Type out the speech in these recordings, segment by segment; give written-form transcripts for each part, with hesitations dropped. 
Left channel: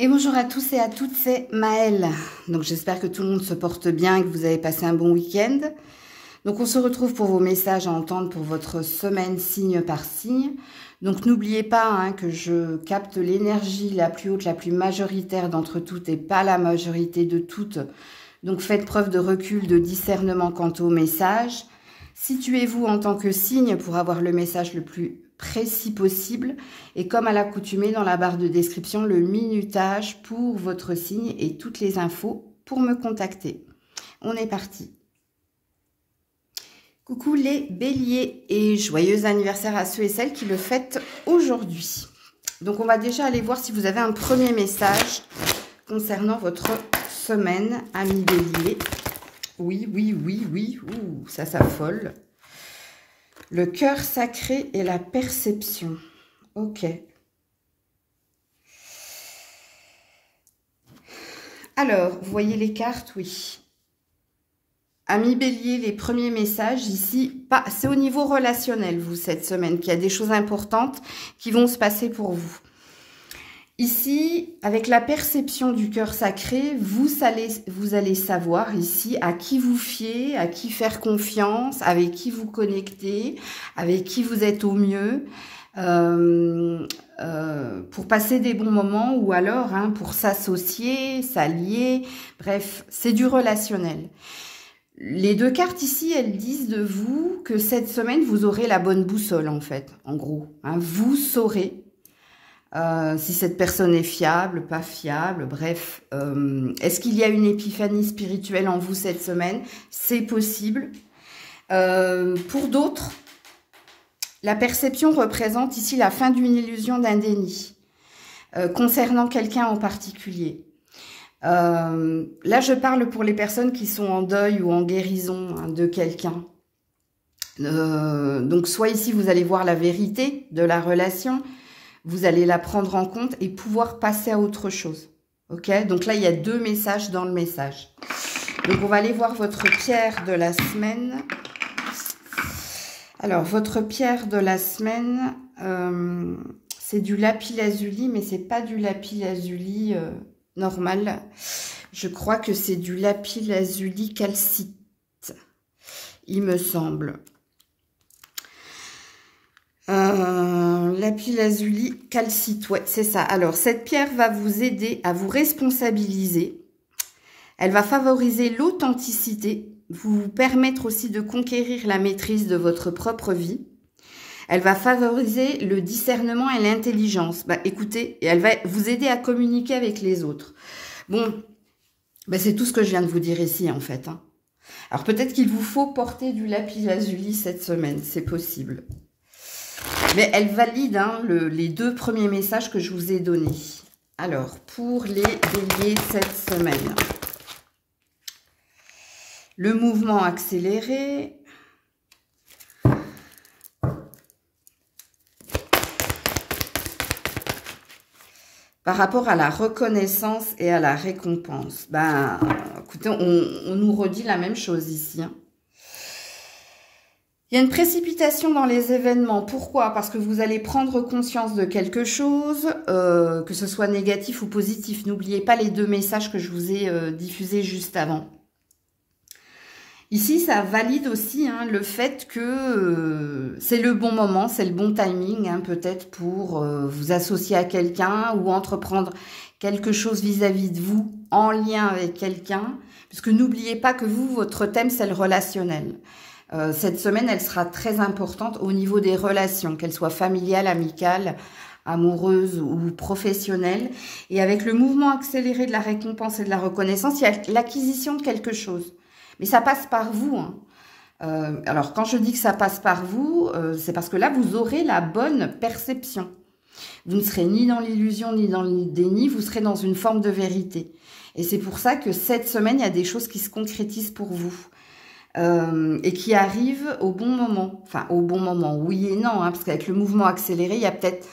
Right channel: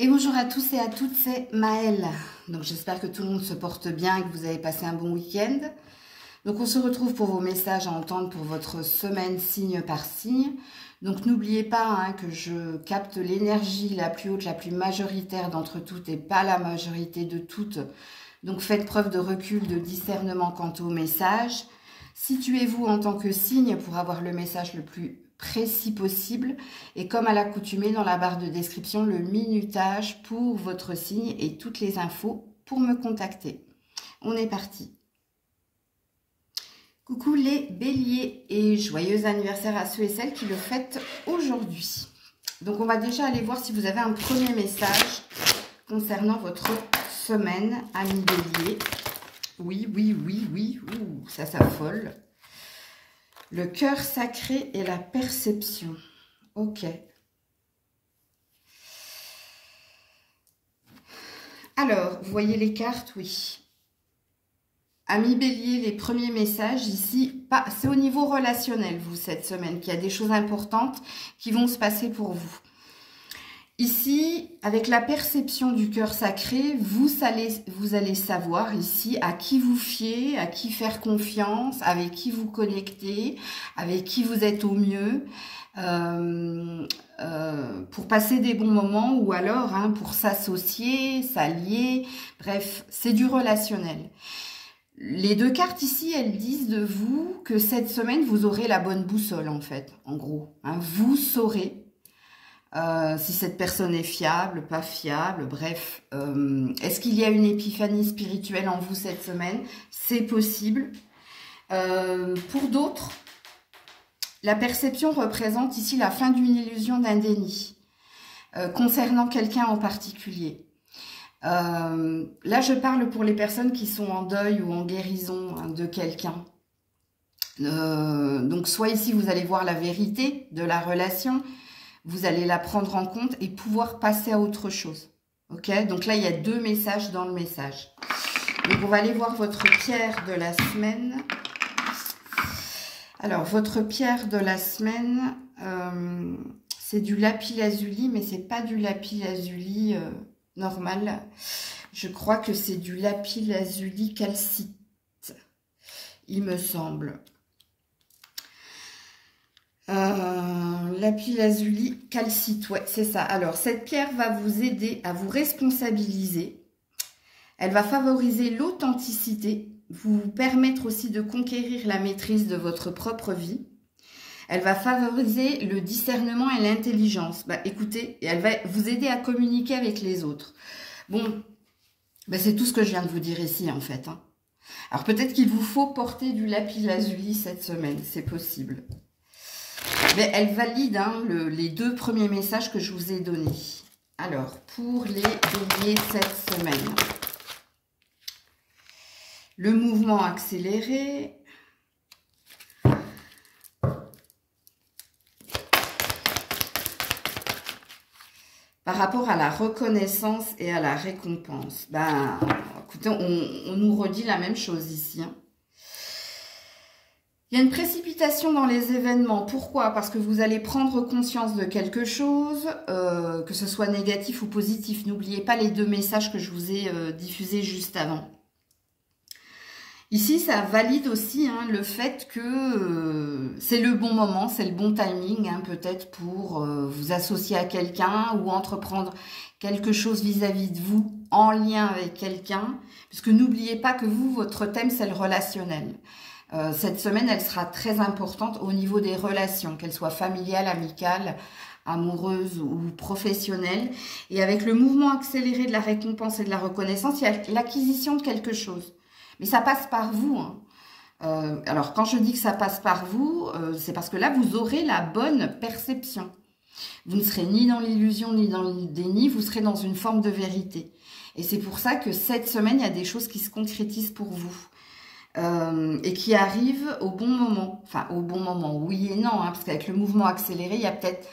Et bonjour à tous et à toutes, c'est Maëlle. Donc j'espère que tout le monde se porte bien et que vous avez passé un bon week-end. Donc on se retrouve pour vos messages à entendre pour votre semaine signe par signe. Donc n'oubliez pas que je capte l'énergie la plus haute, la plus majoritaire d'entre toutes et pas la majorité de toutes. Donc faites preuve de recul, de discernement quant au message. Situez-vous en tant que signe pour avoir le message le plus précis possible. Et comme à l'accoutumée, dans la barre de description, le minutage pour votre signe et toutes les infos pour me contacter. On est parti. Coucou les béliers et joyeux anniversaire à ceux et celles qui le fêtent aujourd'hui. Donc on va déjà aller voir si vous avez un premier message concernant votre semaine, amis béliers. Oui. Ouh, ça s'affole. Le cœur sacré et la perception. Ok. Alors, vous voyez les cartes? Oui. Amis bélier, les premiers messages ici, c'est au niveau relationnel, vous, cette semaine, qu'il y a des choses importantes qui vont se passer pour vous. Ici, avec la perception du cœur sacré, vous allez savoir ici à qui vous fier, à qui faire confiance, avec qui vous connecter, avec qui vous êtes au mieux, pour passer des bons moments ou alors pour s'associer, s'allier, bref, c'est du relationnel. Les deux cartes ici, elles disent de vous que cette semaine, vous aurez la bonne boussole en fait, en gros. Vous saurez si cette personne est fiable, pas fiable, bref. Est-ce qu'il y a une épiphanie spirituelle en vous cette semaine? C'est possible. Pour d'autres, la perception représente ici la fin d'une illusion d'un déni concernant quelqu'un en particulier. Là, je parle pour les personnes qui sont en deuil ou en guérison de quelqu'un. Donc, soit ici, vous allez voir la vérité de la relation, vous allez la prendre en compte et pouvoir passer à autre chose. Ok? Donc là, il y a deux messages dans le message. Donc, on va aller voir votre pierre de la semaine. Alors, votre pierre de la semaine, c'est du lapis-lazuli, mais c'est pas du lapis-lazuli normal. Je crois que c'est du lapis-lazuli calcite, il me semble. Lapis-lazuli calcite, ouais, c'est ça. Alors, cette pierre va vous aider à vous responsabiliser. Elle va favoriser l'authenticité, vous permettre aussi de conquérir la maîtrise de votre propre vie. Elle va favoriser le discernement et l'intelligence. Écoutez, elle va vous aider à communiquer avec les autres. Bon, c'est tout ce que je viens de vous dire ici, en fait. Alors, peut-être qu'il vous faut porter du lapis-lazuli cette semaine, c'est possible. Mais elle valide les deux premiers messages que je vous ai donnés. Alors, pour les béliers cette semaine. Le mouvement accéléré. Par rapport à la reconnaissance et à la récompense. Écoutez, on nous redit la même chose ici. Il y a une précipitation dans les événements. Pourquoi? Parce que vous allez prendre conscience de quelque chose, que ce soit négatif ou positif. N'oubliez pas les deux messages que je vous ai diffusés juste avant. Ici, ça valide aussi le fait que c'est le bon moment, c'est le bon timing, peut-être pour vous associer à quelqu'un ou entreprendre quelque chose vis-à-vis de vous en lien avec quelqu'un. Puisque n'oubliez pas que vous, votre thème, c'est le relationnel. Cette semaine, elle sera très importante au niveau des relations, qu'elles soient familiales, amicales, amoureuses ou professionnelles. Et avec le mouvement accéléré de la récompense et de la reconnaissance, il y a l'acquisition de quelque chose. Mais ça passe par vous. Alors, quand je dis que ça passe par vous, c'est parce que là, vous aurez la bonne perception. Vous ne serez ni dans l'illusion, ni dans le déni, vous serez dans une forme de vérité. Et c'est pour ça que cette semaine, il y a des choses qui se concrétisent pour vous. Et qui arrivent au bon moment. Enfin, au bon moment, oui et non, parce qu'avec le mouvement accéléré, il y a peut-être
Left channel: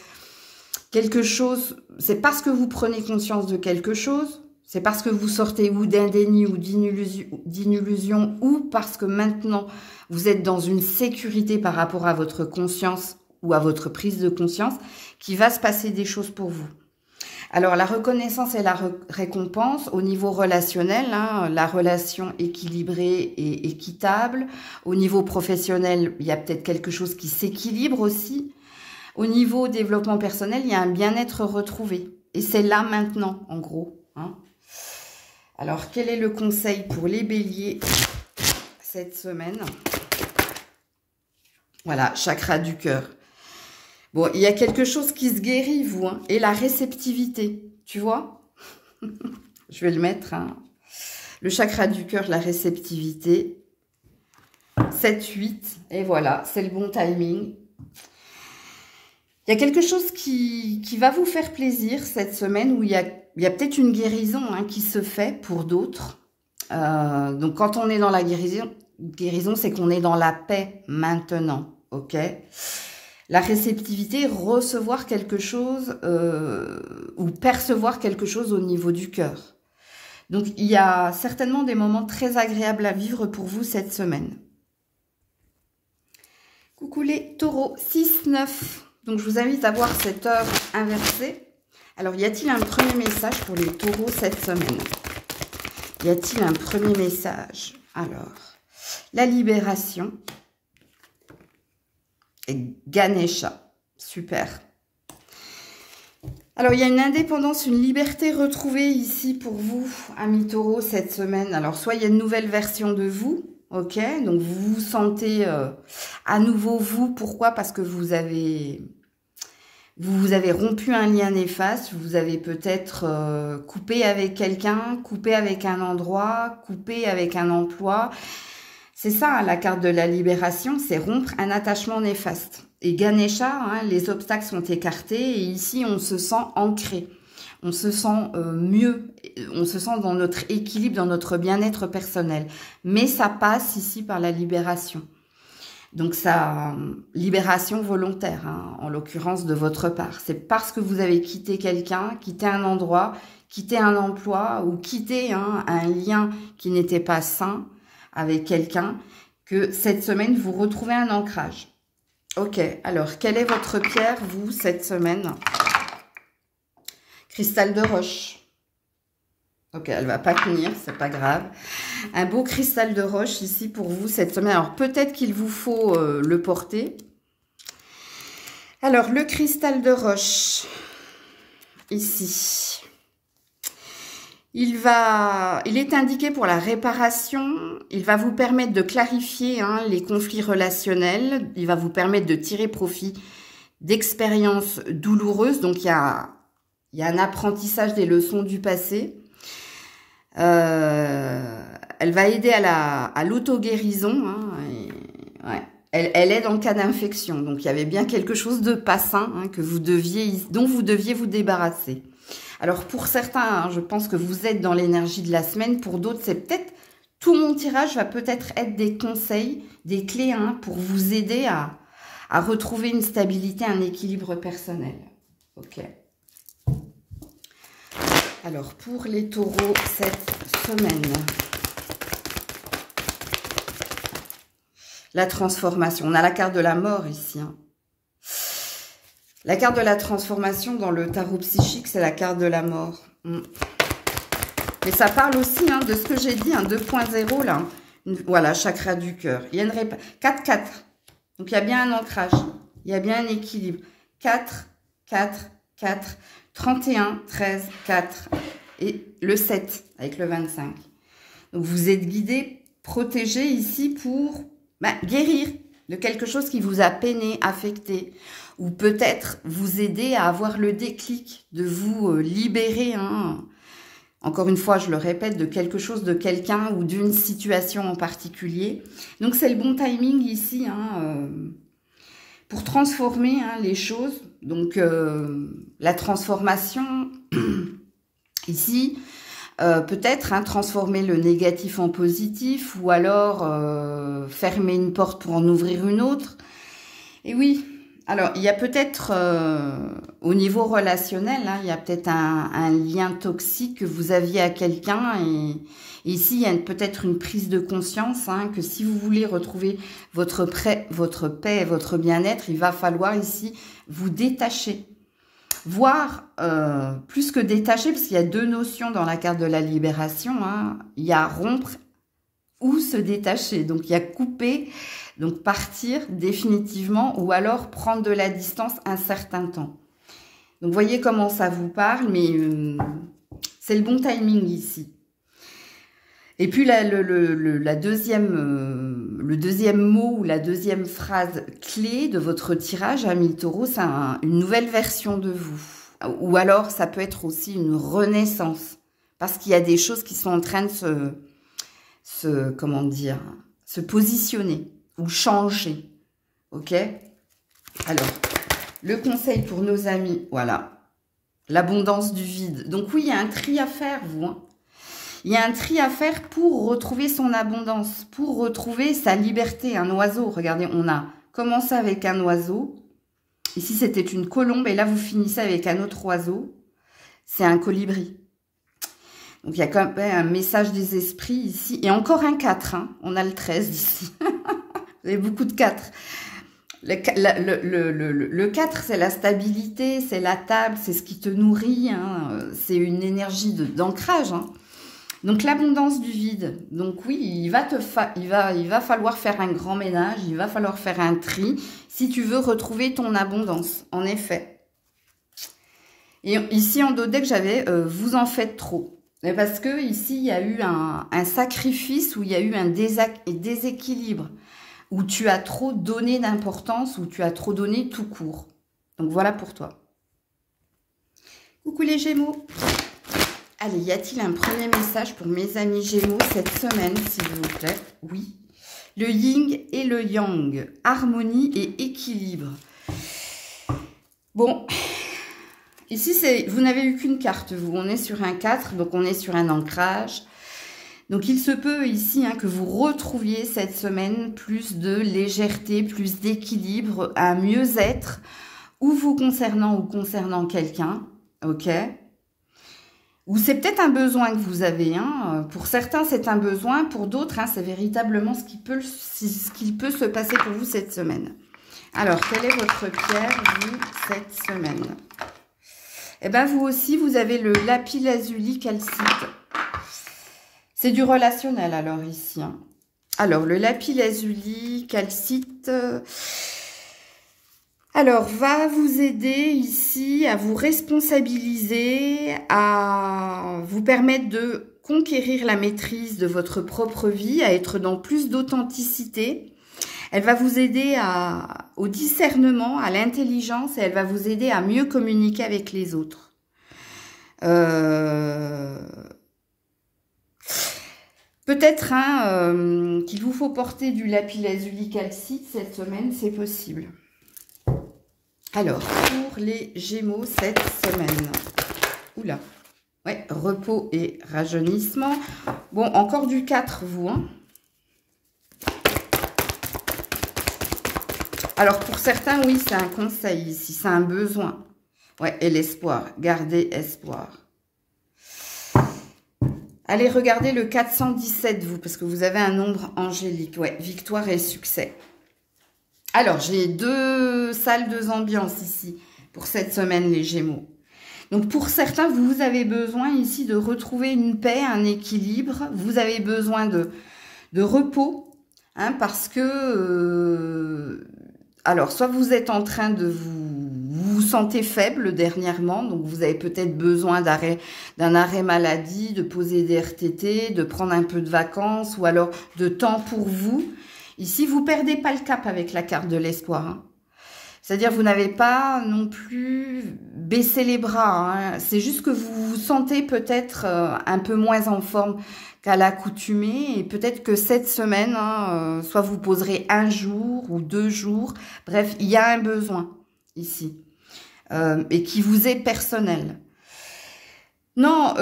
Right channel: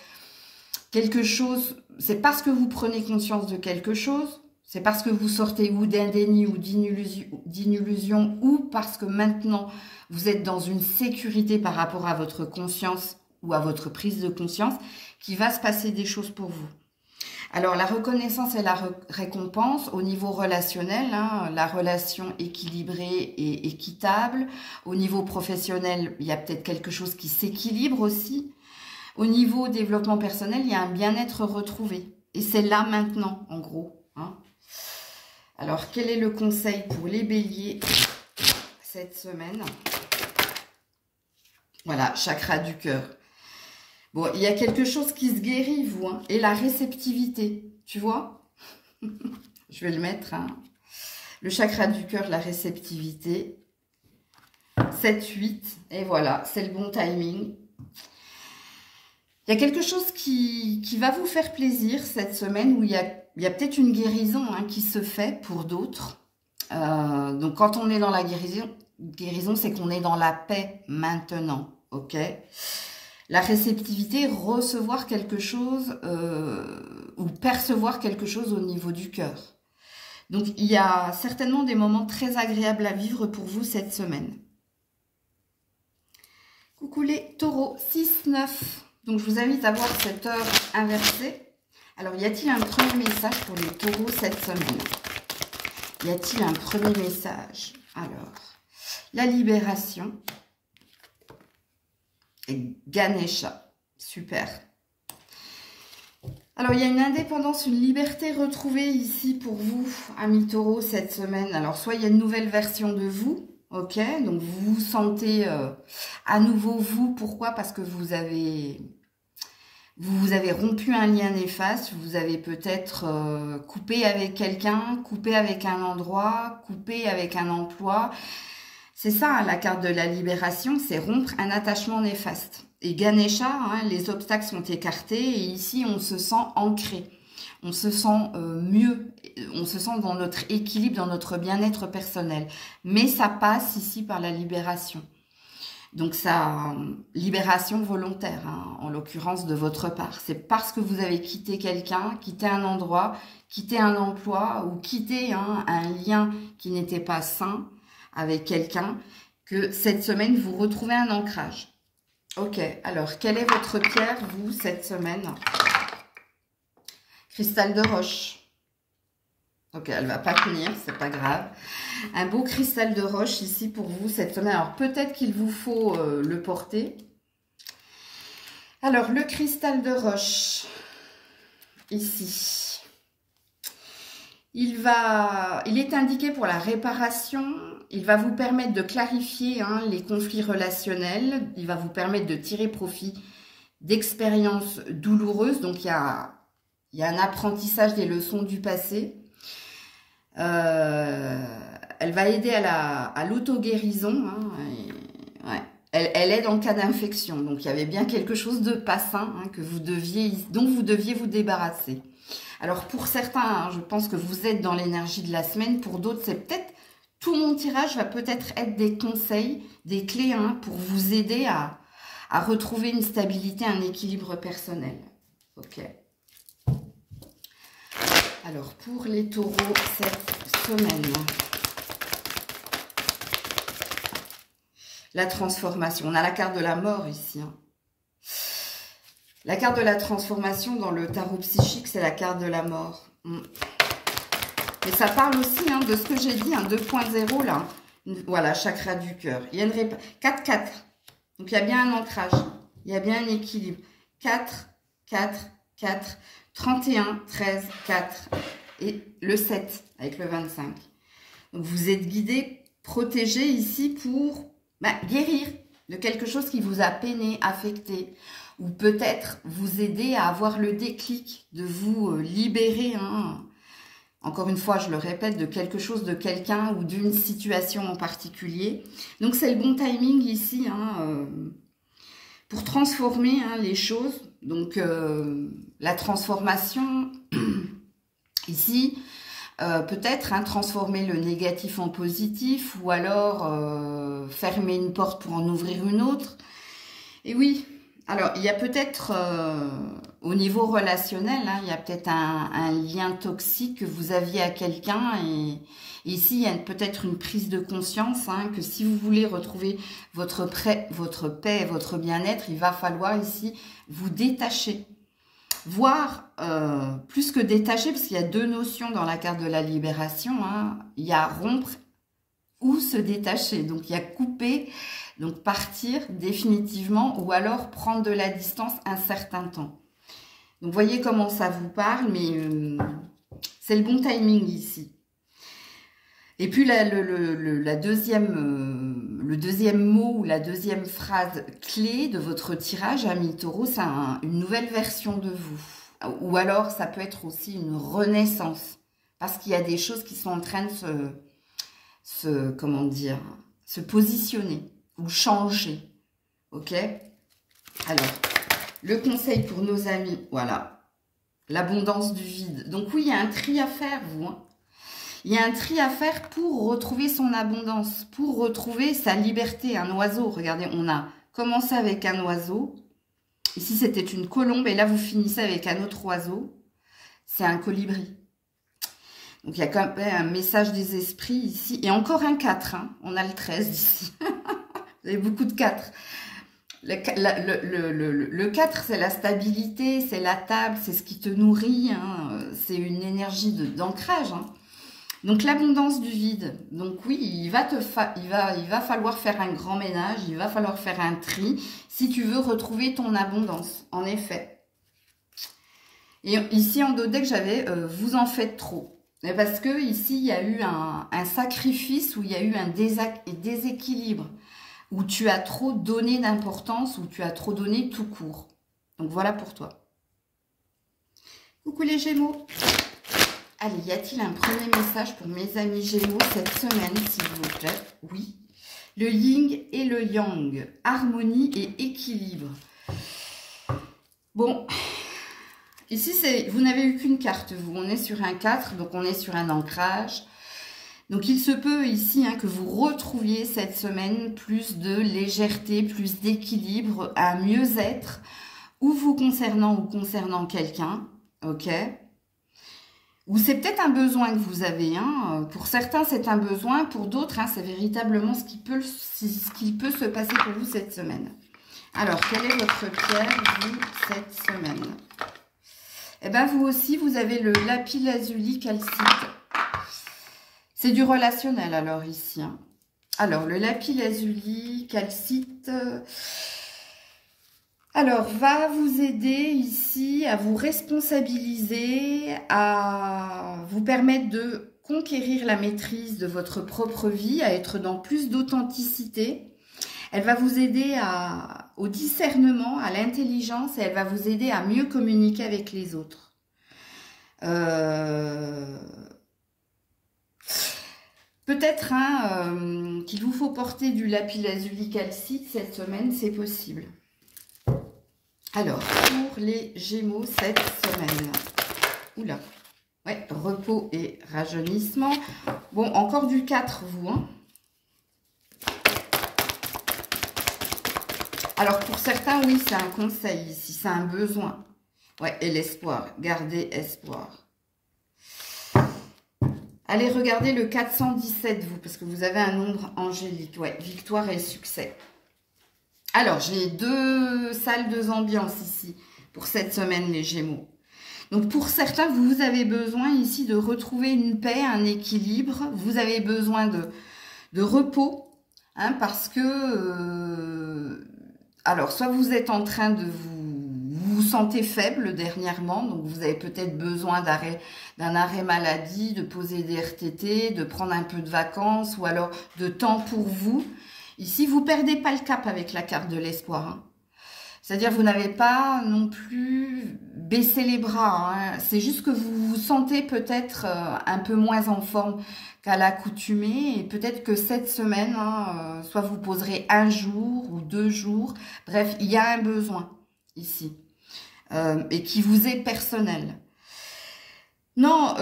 quelque chose, c'est parce que vous prenez conscience de quelque chose, c'est parce que vous sortez ou d'un déni ou d'une illusion, ou parce que maintenant, vous êtes dans une sécurité par rapport à votre conscience ou à votre prise de conscience, qu'il va se passer des choses pour vous. Alors, la reconnaissance et la récompense au niveau relationnel, hein, la relation équilibrée et équitable. Au niveau professionnel, il y a peut-être quelque chose qui s'équilibre aussi. Au niveau développement personnel, il y a un bien-être retrouvé. Et c'est là maintenant, en gros. Hein. Alors, quel est le conseil pour les béliers cette semaine? Voilà, chakra du cœur. Bon, il y a quelque chose qui se guérit, vous, hein, et la réceptivité, tu vois. Je vais le mettre, hein. Le chakra du cœur, la réceptivité. 7, 8, et voilà, c'est le bon timing. Il y a quelque chose qui va vous faire plaisir cette semaine, où il y a peut-être une guérison hein, qui se fait pour d'autres. Donc, quand on est dans la guérison, c'est qu'on est dans la paix maintenant, ok ? La réceptivité, recevoir quelque chose ou percevoir quelque chose au niveau du cœur. Donc, il y a certainement des moments très agréables à vivre pour vous cette semaine. Coucou les taureaux, 6-9. Donc, je vous invite à voir cette heure inversée. Alors, y a-t-il un premier message pour les taureaux cette semaine? Y a-t-il un premier message? Alors, la libération. Et Ganesha, super. Alors, il y a une indépendance, une liberté retrouvée ici pour vous, amis taureaux, cette semaine. Alors, soit il y a une nouvelle version de vous, ok? Donc, vous vous sentez à nouveau vous. Pourquoi? Parce que vous avez rompu un lien néfaste, vous avez peut-être coupé avec quelqu'un, coupé avec un endroit, coupé avec un emploi. C'est ça, la carte de la libération, c'est rompre un attachement néfaste. Et Ganesha, hein, les obstacles sont écartés et ici, on se sent ancré. On se sent mieux, on se sent dans notre équilibre, dans notre bien-être personnel. Mais ça passe ici par la libération. Donc, ça, libération volontaire, hein, en l'occurrence de votre part. C'est parce que vous avez quitté quelqu'un, quitté un endroit, quitté un emploi ou quitté hein, un lien qui n'était pas sain avec quelqu'un, que cette semaine, vous retrouvez un ancrage. Ok, alors, quelle est votre pierre, vous, cette semaine? Cristal de roche. Ok, elle ne va pas tenir, c'est pas grave. Un beau cristal de roche ici pour vous cette semaine. Alors, peut-être qu'il vous faut le porter. Alors, le cristal de roche, ici. Il est indiqué pour la réparation, il va vous permettre de clarifier hein, les conflits relationnels, il va vous permettre de tirer profit d'expériences douloureuses. Donc, il y a un apprentissage des leçons du passé. Elle va aider à l'auto-guérison. Hein, ouais. Elle aide en cas d'infection. Donc, il y avait bien quelque chose de pas sain hein, dont vous deviez vous débarrasser. Alors, pour certains, hein, je pense que vous êtes dans l'énergie de la semaine. Pour d'autres, c'est peut-être... Tout mon tirage va peut-être être des conseils, des clés hein, pour vous aider à retrouver une stabilité, un équilibre personnel. Ok. Alors, pour les taureaux, cette semaine, la transformation. On a la carte de la mort ici. Hein. La carte de la transformation dans le tarot psychique, c'est la carte de la mort. Mais ça parle aussi hein, de ce que j'ai dit, hein, 2.0 là. Voilà, chakra du cœur. Il y a une 4-4. Donc, il y a bien un ancrage. Il y a bien un équilibre. 4, 4, 4, 31, 13, 4. Et le 7 avec le 25. Donc, vous êtes guidé, protégé ici pour guérir de quelque chose qui vous a peiné, affecté. Ou peut-être vous aider à avoir le déclic, de vous libérer, hein, encore une fois, je le répète, de quelque chose, de quelqu'un ou d'une situation en particulier. Donc, c'est le bon timing ici hein, pour transformer hein, les choses. Donc, la transformation, ici, peut-être hein, transformer le négatif en positif ou alors fermer une porte pour en ouvrir une autre. Et oui... Alors, il y a peut-être, au niveau relationnel, hein, il y a peut-être un lien toxique que vous aviez à quelqu'un. Et ici, il y a peut-être une prise de conscience hein, que si vous voulez retrouver votre paix, votre bien-être, il va falloir ici vous détacher. voire plus que détacher, parce qu'il y a deux notions dans la carte de la libération, hein. Il y a rompre ou se détacher, donc il y a couper, donc partir définitivement, ou alors prendre de la distance un certain temps. Donc voyez comment ça vous parle, mais c'est le bon timing ici. Et puis le deuxième mot ou la deuxième phrase clé de votre tirage, amis taureaux, c'est une nouvelle version de vous. Ou alors ça peut être aussi une renaissance. Parce qu'il y a des choses qui sont en train de comment dire, se positionner ou changer. Ok? Alors, le conseil pour nos amis, voilà. L'abondance du vide. Donc oui, il y a un tri à faire, vous, hein. Il y a un tri à faire pour retrouver son abondance, pour retrouver sa liberté. Un oiseau, regardez, on a commencé avec un oiseau. Ici, c'était une colombe et là, vous finissez avec un autre oiseau. C'est un colibri. Donc, il y a quand même un message des esprits ici. Et encore un 4, hein. On a le 13 ici. Vous avez beaucoup de 4. Le 4, c'est la stabilité, c'est la table, c'est ce qui te nourrit. Hein. C'est une énergie d'ancrage, hein. Donc, l'abondance du vide. Donc, oui, il va falloir faire un grand ménage, il va falloir faire un tri si tu veux retrouver ton abondance, en effet. Et ici, en dos de deck, j'avais « vous en faites trop ». Parce que ici, il y a eu un sacrifice, où il y a eu un déséquilibre, où tu as trop donné d'importance, où tu as trop donné tout court. Donc, voilà pour toi. Coucou les Gémeaux. Allez, y a-t-il un premier message pour mes amis Gémeaux cette semaine, s'il vous plaît? Oui. Le yin et le yang. Harmonie et équilibre. Bon, ici, vous n'avez eu qu'une carte, vous. On est sur un 4, donc on est sur un ancrage. Donc, il se peut ici que vous retrouviez cette semaine plus de légèreté, plus d'équilibre, un mieux-être, ou vous concernant ou concernant quelqu'un, ok? Ou c'est peut-être un besoin que vous avez. Hein. Pour certains, c'est un besoin. Pour d'autres, c'est véritablement ce qui peut se passer pour vous cette semaine. Alors, quelle est votre pierre, vous, cette semaine? Eh bien, vous aussi, vous avez le lapis-lazuli calcite. C'est du relationnel, alors, ici. Hein. Alors, le lapis-lazuli calcite... Alors, va vous aider ici à vous responsabiliser, à vous permettre de conquérir la maîtrise de votre propre vie, à être dans plus d'authenticité. Elle va vous aider au discernement, à l'intelligence et elle va vous aider à mieux communiquer avec les autres. Peut-être qu'il vous faut porter du lapis-lazuli calcite cette semaine, c'est possible. Alors, pour les Gémeaux cette semaine. Oula. Ouais, repos et rajeunissement. Bon, encore du 4, vous. Hein. Alors, pour certains, oui, c'est un conseil ici. C'est un besoin. Ouais, et l'espoir. Gardez espoir. Allez, regardez le 417, vous, parce que vous avez un nombre angélique. Ouais, victoire et succès. Alors, j'ai deux salles, deux ambiances ici pour cette semaine, les Gémeaux. Donc, pour certains, vous avez besoin ici de retrouver une paix, un équilibre. Vous avez besoin de repos, hein, parce que... alors, soit vous êtes en train de vous sentez faible dernièrement, donc vous avez peut-être besoin d'un arrêt maladie, de poser des RTT, de prendre un peu de vacances, ou alors de temps pour vous. Ici, vous ne perdez pas le cap avec la carte de l'espoir. Hein. C'est-à-dire, vous n'avez pas non plus baissé les bras. Hein. C'est juste que vous vous sentez peut-être un peu moins en forme qu'à l'accoutumée. Et peut-être que cette semaine, soit vous poserez un jour ou 2 jours. Bref, il y a un besoin ici. Et qui vous est personnel. Non,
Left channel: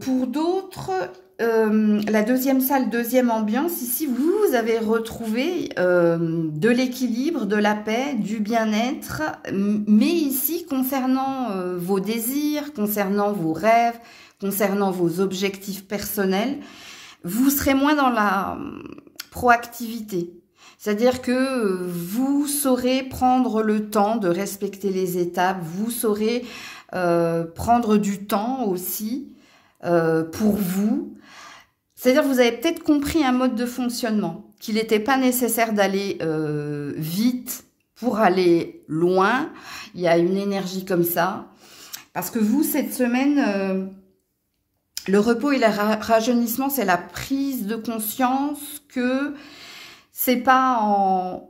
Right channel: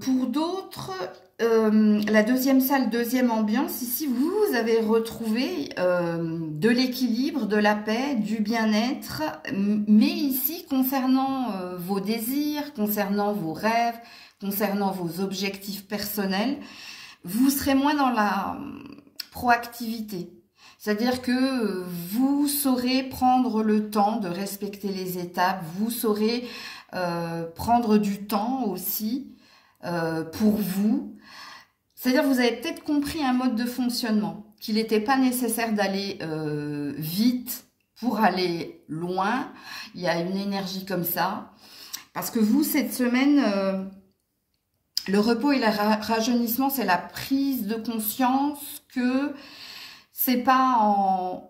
pour d'autres... la deuxième salle, deuxième ambiance, ici, vous avez retrouvé de l'équilibre, de la paix, du bien-être, mais ici, concernant vos désirs, concernant vos rêves, concernant vos objectifs personnels, vous serez moins dans la proactivité. C'est-à-dire que vous saurez prendre le temps de respecter les étapes, vous saurez prendre du temps aussi pour vous. C'est-à-dire vous avez peut-être compris un mode de fonctionnement, qu'il n'était pas nécessaire d'aller vite pour aller loin. Il y a une énergie comme ça. Parce que vous, cette semaine, le repos et le rajeunissement, c'est la prise de conscience que c'est pas en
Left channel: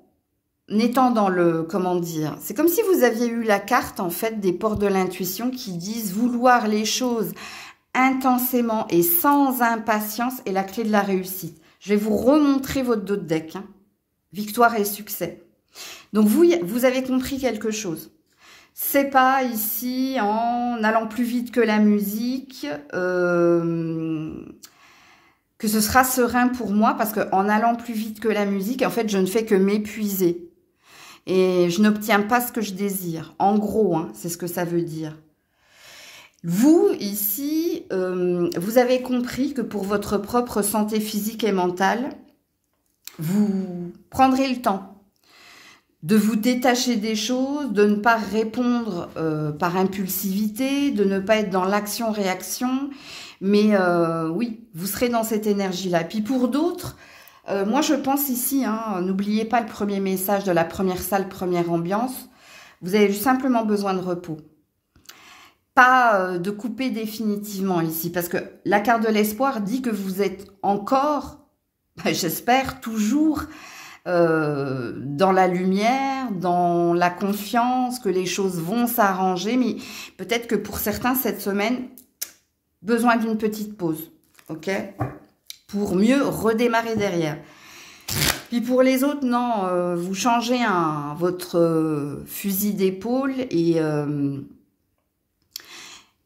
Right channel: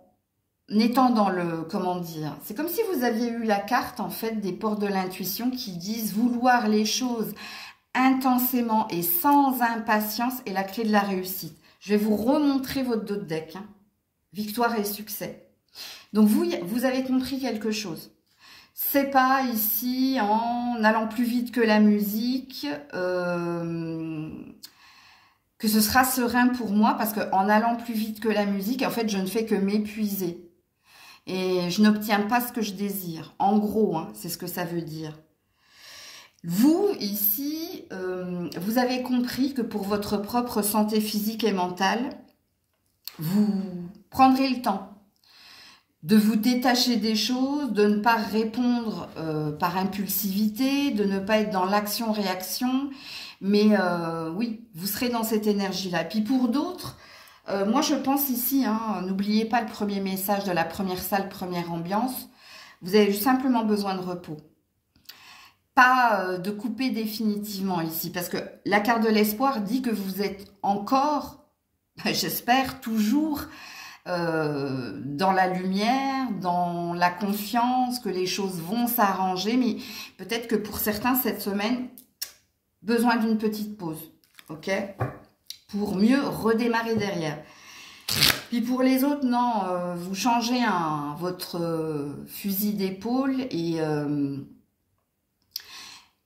étant dans le, comment dire, c'est comme si vous aviez eu la carte, en fait, des portes de l'intuition qui disent vouloir les choses intensément et sans impatience est la clé de la réussite. Je vais vous remontrer votre dos de deck. Hein. Victoire et succès. Donc, vous avez compris quelque chose. C'est pas ici, en allant plus vite que la musique, que ce sera serein pour moi, parce qu'en allant plus vite que la musique, en fait, je ne fais que m'épuiser. Et je n'obtiens pas ce que je désire. En gros, hein, c'est ce que ça veut dire. Vous, ici, vous avez compris que pour votre propre santé physique et mentale, vous prendrez le temps de vous détacher des choses, de ne pas répondre par impulsivité, de ne pas être dans l'action-réaction. Mais oui, vous serez dans cette énergie-là. Puis pour d'autres, moi je pense ici, hein, n'oubliez pas le premier message de la première salle, première ambiance. Vous avez simplement besoin de repos. Pas de couper définitivement ici. Parce que la carte de l'espoir dit que vous êtes encore, j'espère, toujours dans la lumière, dans la confiance, que les choses vont s'arranger. Mais peut-être que pour certains, cette semaine, besoin d'une petite pause. Ok ? Pour mieux redémarrer derrière. Puis pour les autres, non, vous changez votre fusil d'épaule et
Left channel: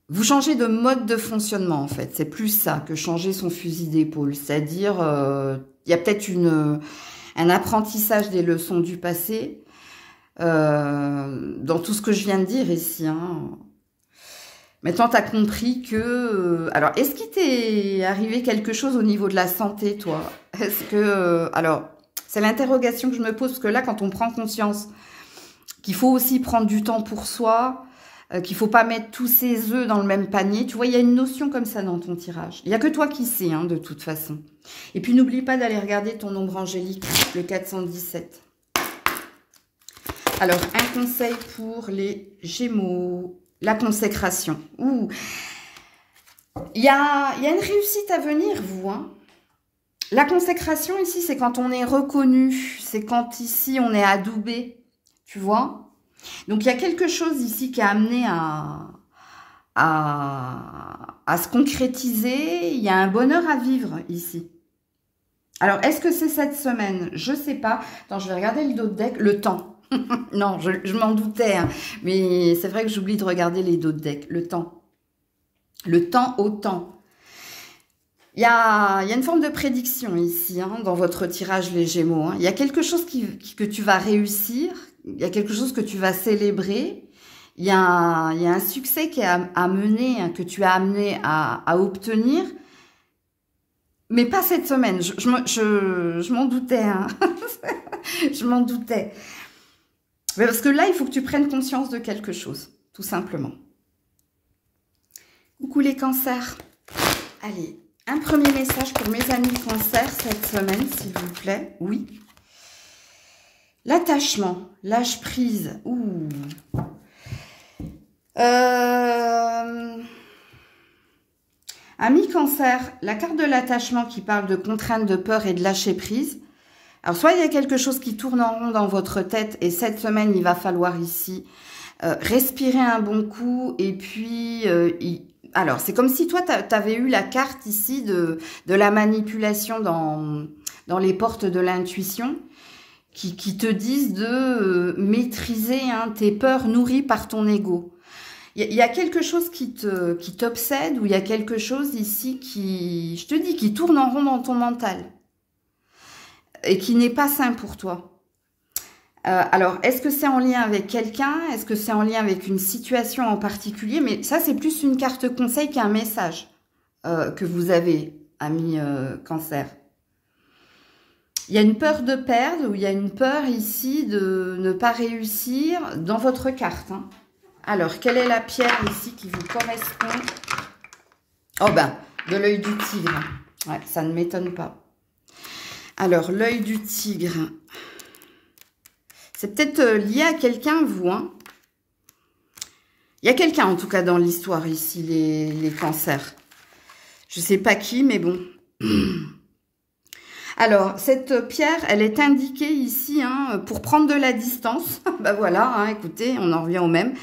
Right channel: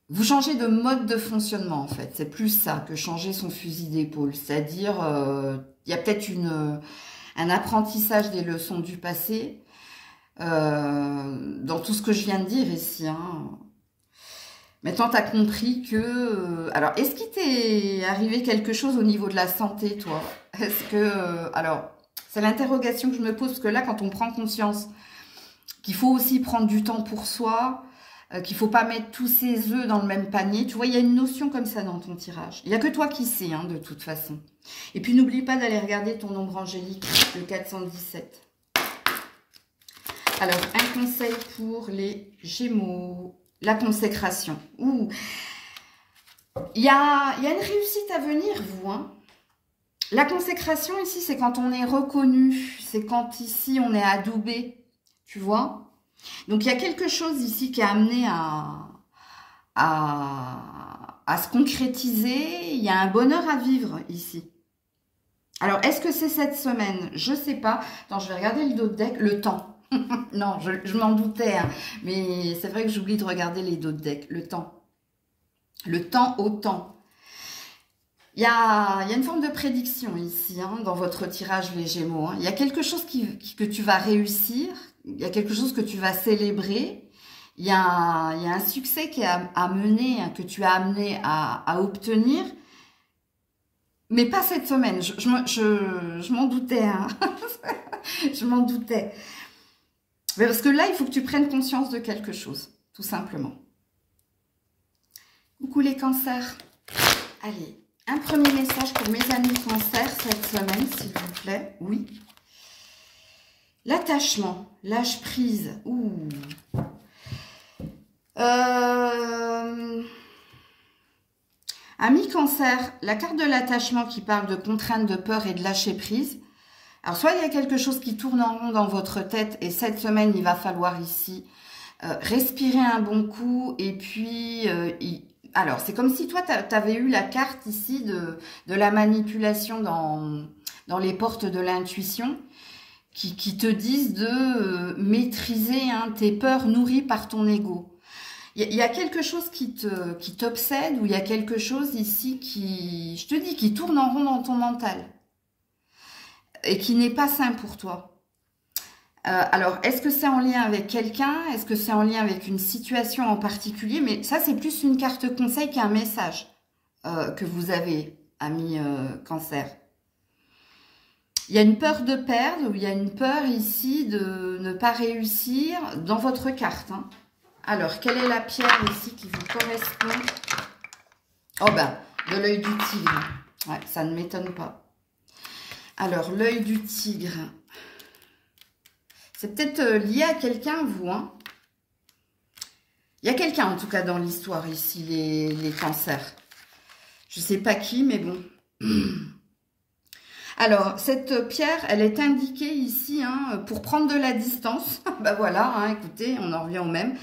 vous changez de mode de fonctionnement en fait. C'est plus ça que changer son fusil d'épaule. C'est-à-dire, il y a peut-être un apprentissage des leçons du passé dans tout ce que je viens de dire ici. Hein. Maintenant, tu as compris que... alors, est-ce qu'il t'est arrivé quelque chose au niveau de la santé, toi? Est-ce que... alors, c'est l'interrogation que je me pose, parce que là, quand on prend conscience qu'il faut aussi prendre du temps pour soi, qu'il ne faut pas mettre tous ses œufs dans le même panier, tu vois, il y a une notion comme ça dans ton tirage. Il n'y a que toi qui sais, hein, de toute façon. Et puis, n'oublie pas d'aller regarder ton nombre angélique, le 417. Alors, un conseil pour les Gémeaux. La consécration. Ouh. Il y a une réussite à venir, vous. Hein. La consécration, ici, c'est quand on est reconnu. C'est quand, ici, on est adoubé. Tu vois? Donc, il y a quelque chose ici qui a amené à se concrétiser. Il y a un bonheur à vivre, ici. Alors, est-ce que c'est cette semaine? Je ne sais pas. Attends, je vais regarder le dos de deck. Le temps. Non, je m'en doutais, hein. Mais c'est vrai que j'oublie de regarder les dos de deck. Le temps. Le temps au temps. Il y a une forme de prédiction ici, hein, dans votre tirage les Gémeaux. Hein. Il y a quelque chose que tu vas réussir. Il y a quelque chose que tu vas célébrer. Il y a un succès qui est à mener, hein, que tu as amené à obtenir. Mais pas cette semaine. Je m'en doutais. Hein. Je m'en doutais. Mais parce que là, il faut que tu prennes conscience de quelque chose, tout simplement. Coucou les cancers. Allez, un premier message pour mes amis cancers cette semaine, s'il vous plaît. Oui. L'attachement, lâche prise. Ouh. Amis cancer, la carte de l'attachement qui parle de contrainte, de peur et de lâcher prise. Alors, soit il y a quelque chose qui tourne en rond dans votre tête et cette semaine, il va falloir ici respirer un bon coup et puis... alors, c'est comme si toi, tu avais eu la carte ici de la manipulation dans les portes de l'intuition qui te disent de maîtriser tes peurs nourries par ton ego. Il y a quelque chose qui t'obsède ou il y a quelque chose ici qui, je te dis, qui tourne en rond dans ton mental. Et qui n'est pas sain pour toi. Alors, est-ce que c'est en lien avec quelqu'un? Est-ce que c'est en lien avec une situation en particulier? Mais ça, c'est plus une carte conseil qu'un message que vous avez, amis cancer. Il y a une peur de perdre ou il y a une peur ici de ne pas réussir dans votre carte. Hein. Alors, quelle est la pierre ici qui vous correspond? Oh ben, de l'œil du tigre. Ouais, ça ne m'étonne pas. Alors, l'œil du tigre. C'est peut-être lié à quelqu'un, vous, hein? Il y a quelqu'un, en tout cas, dans l'histoire, ici, les cancers. Je ne sais pas qui, mais bon. Alors, cette pierre, elle est indiquée ici, hein, pour prendre de la distance. Ben voilà, hein, écoutez, on en revient au même.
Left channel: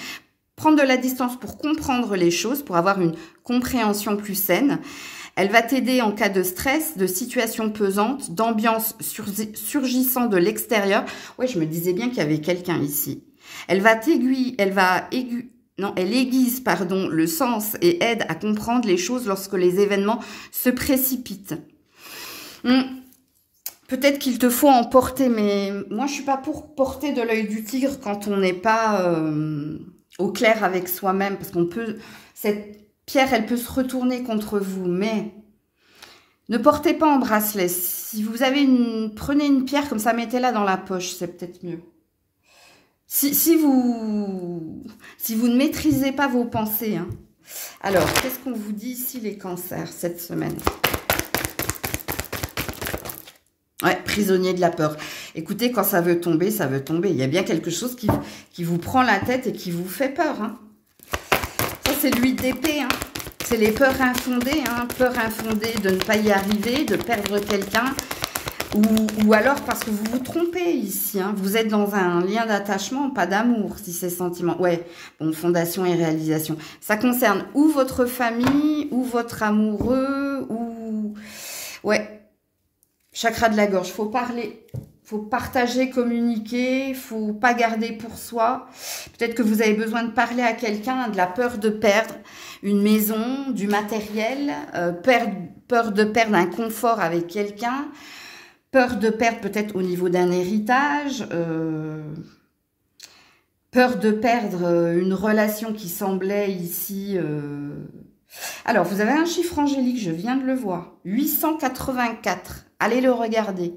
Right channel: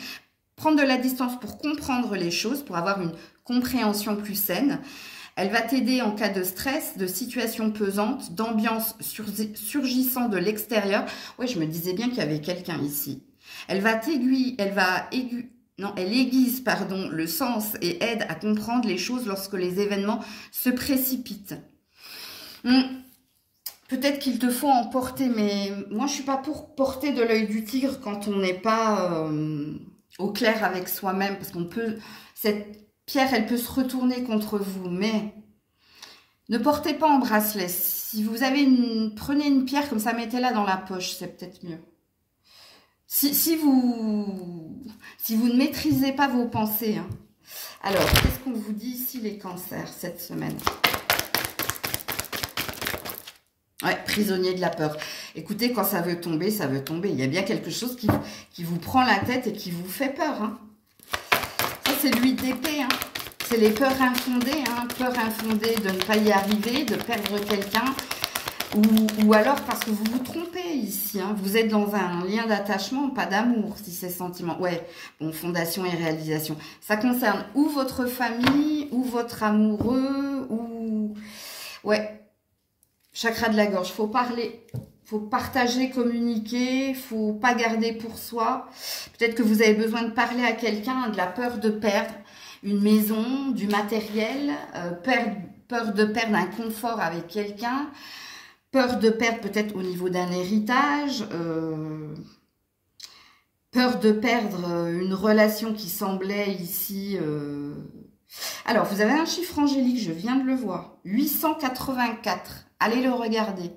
Prendre de la distance pour comprendre les choses, pour avoir une compréhension plus saine. Elle va t'aider en cas de stress, de situation pesante, d'ambiance surgissant de l'extérieur. Oui, je me disais bien qu'il y avait quelqu'un ici. Elle aiguise, pardon, le sens et aide à comprendre les choses lorsque les événements se précipitent. Peut-être qu'il te faut en porter, mais moi, je suis pas pour porter de l'œil du tigre quand on n'est pas au clair avec soi-même, parce qu'on peut... Cette pierre, elle peut se retourner contre vous, mais ne portez pas en bracelet. Si vous avez prenez une pierre comme ça, mettez-la dans la poche, c'est peut-être mieux. Si vous ne maîtrisez pas vos pensées, hein. Alors, qu'est-ce qu'on vous dit ici, les cancers, cette semaine? Ouais, prisonnier de la peur. Écoutez, quand ça veut tomber, ça veut tomber. Il y a bien quelque chose qui vous prend la tête et qui vous fait peur, hein. Ça, c'est l'huile d'épée, hein. C'est les peurs infondées, hein. Peur infondée de ne pas y arriver, de perdre quelqu'un. Ou alors parce que vous vous trompez ici, hein. Vous êtes dans un lien d'attachement, pas d'amour, si c'est sentiment. Ouais, bon, fondation et réalisation. Ça concerne ou votre famille, ou votre amoureux, ou... Ouais, chakra de la gorge. Faut parler, faut partager, communiquer, faut pas garder pour soi. Peut-être que vous avez besoin de parler à quelqu'un, de la peur de perdre une maison, du matériel, peur de perdre un confort avec quelqu'un, peur de perdre peut-être au niveau d'un héritage, peur de perdre une relation qui semblait ici... Alors, vous avez un chiffre angélique, je viens de le voir, 884. Allez le regarder,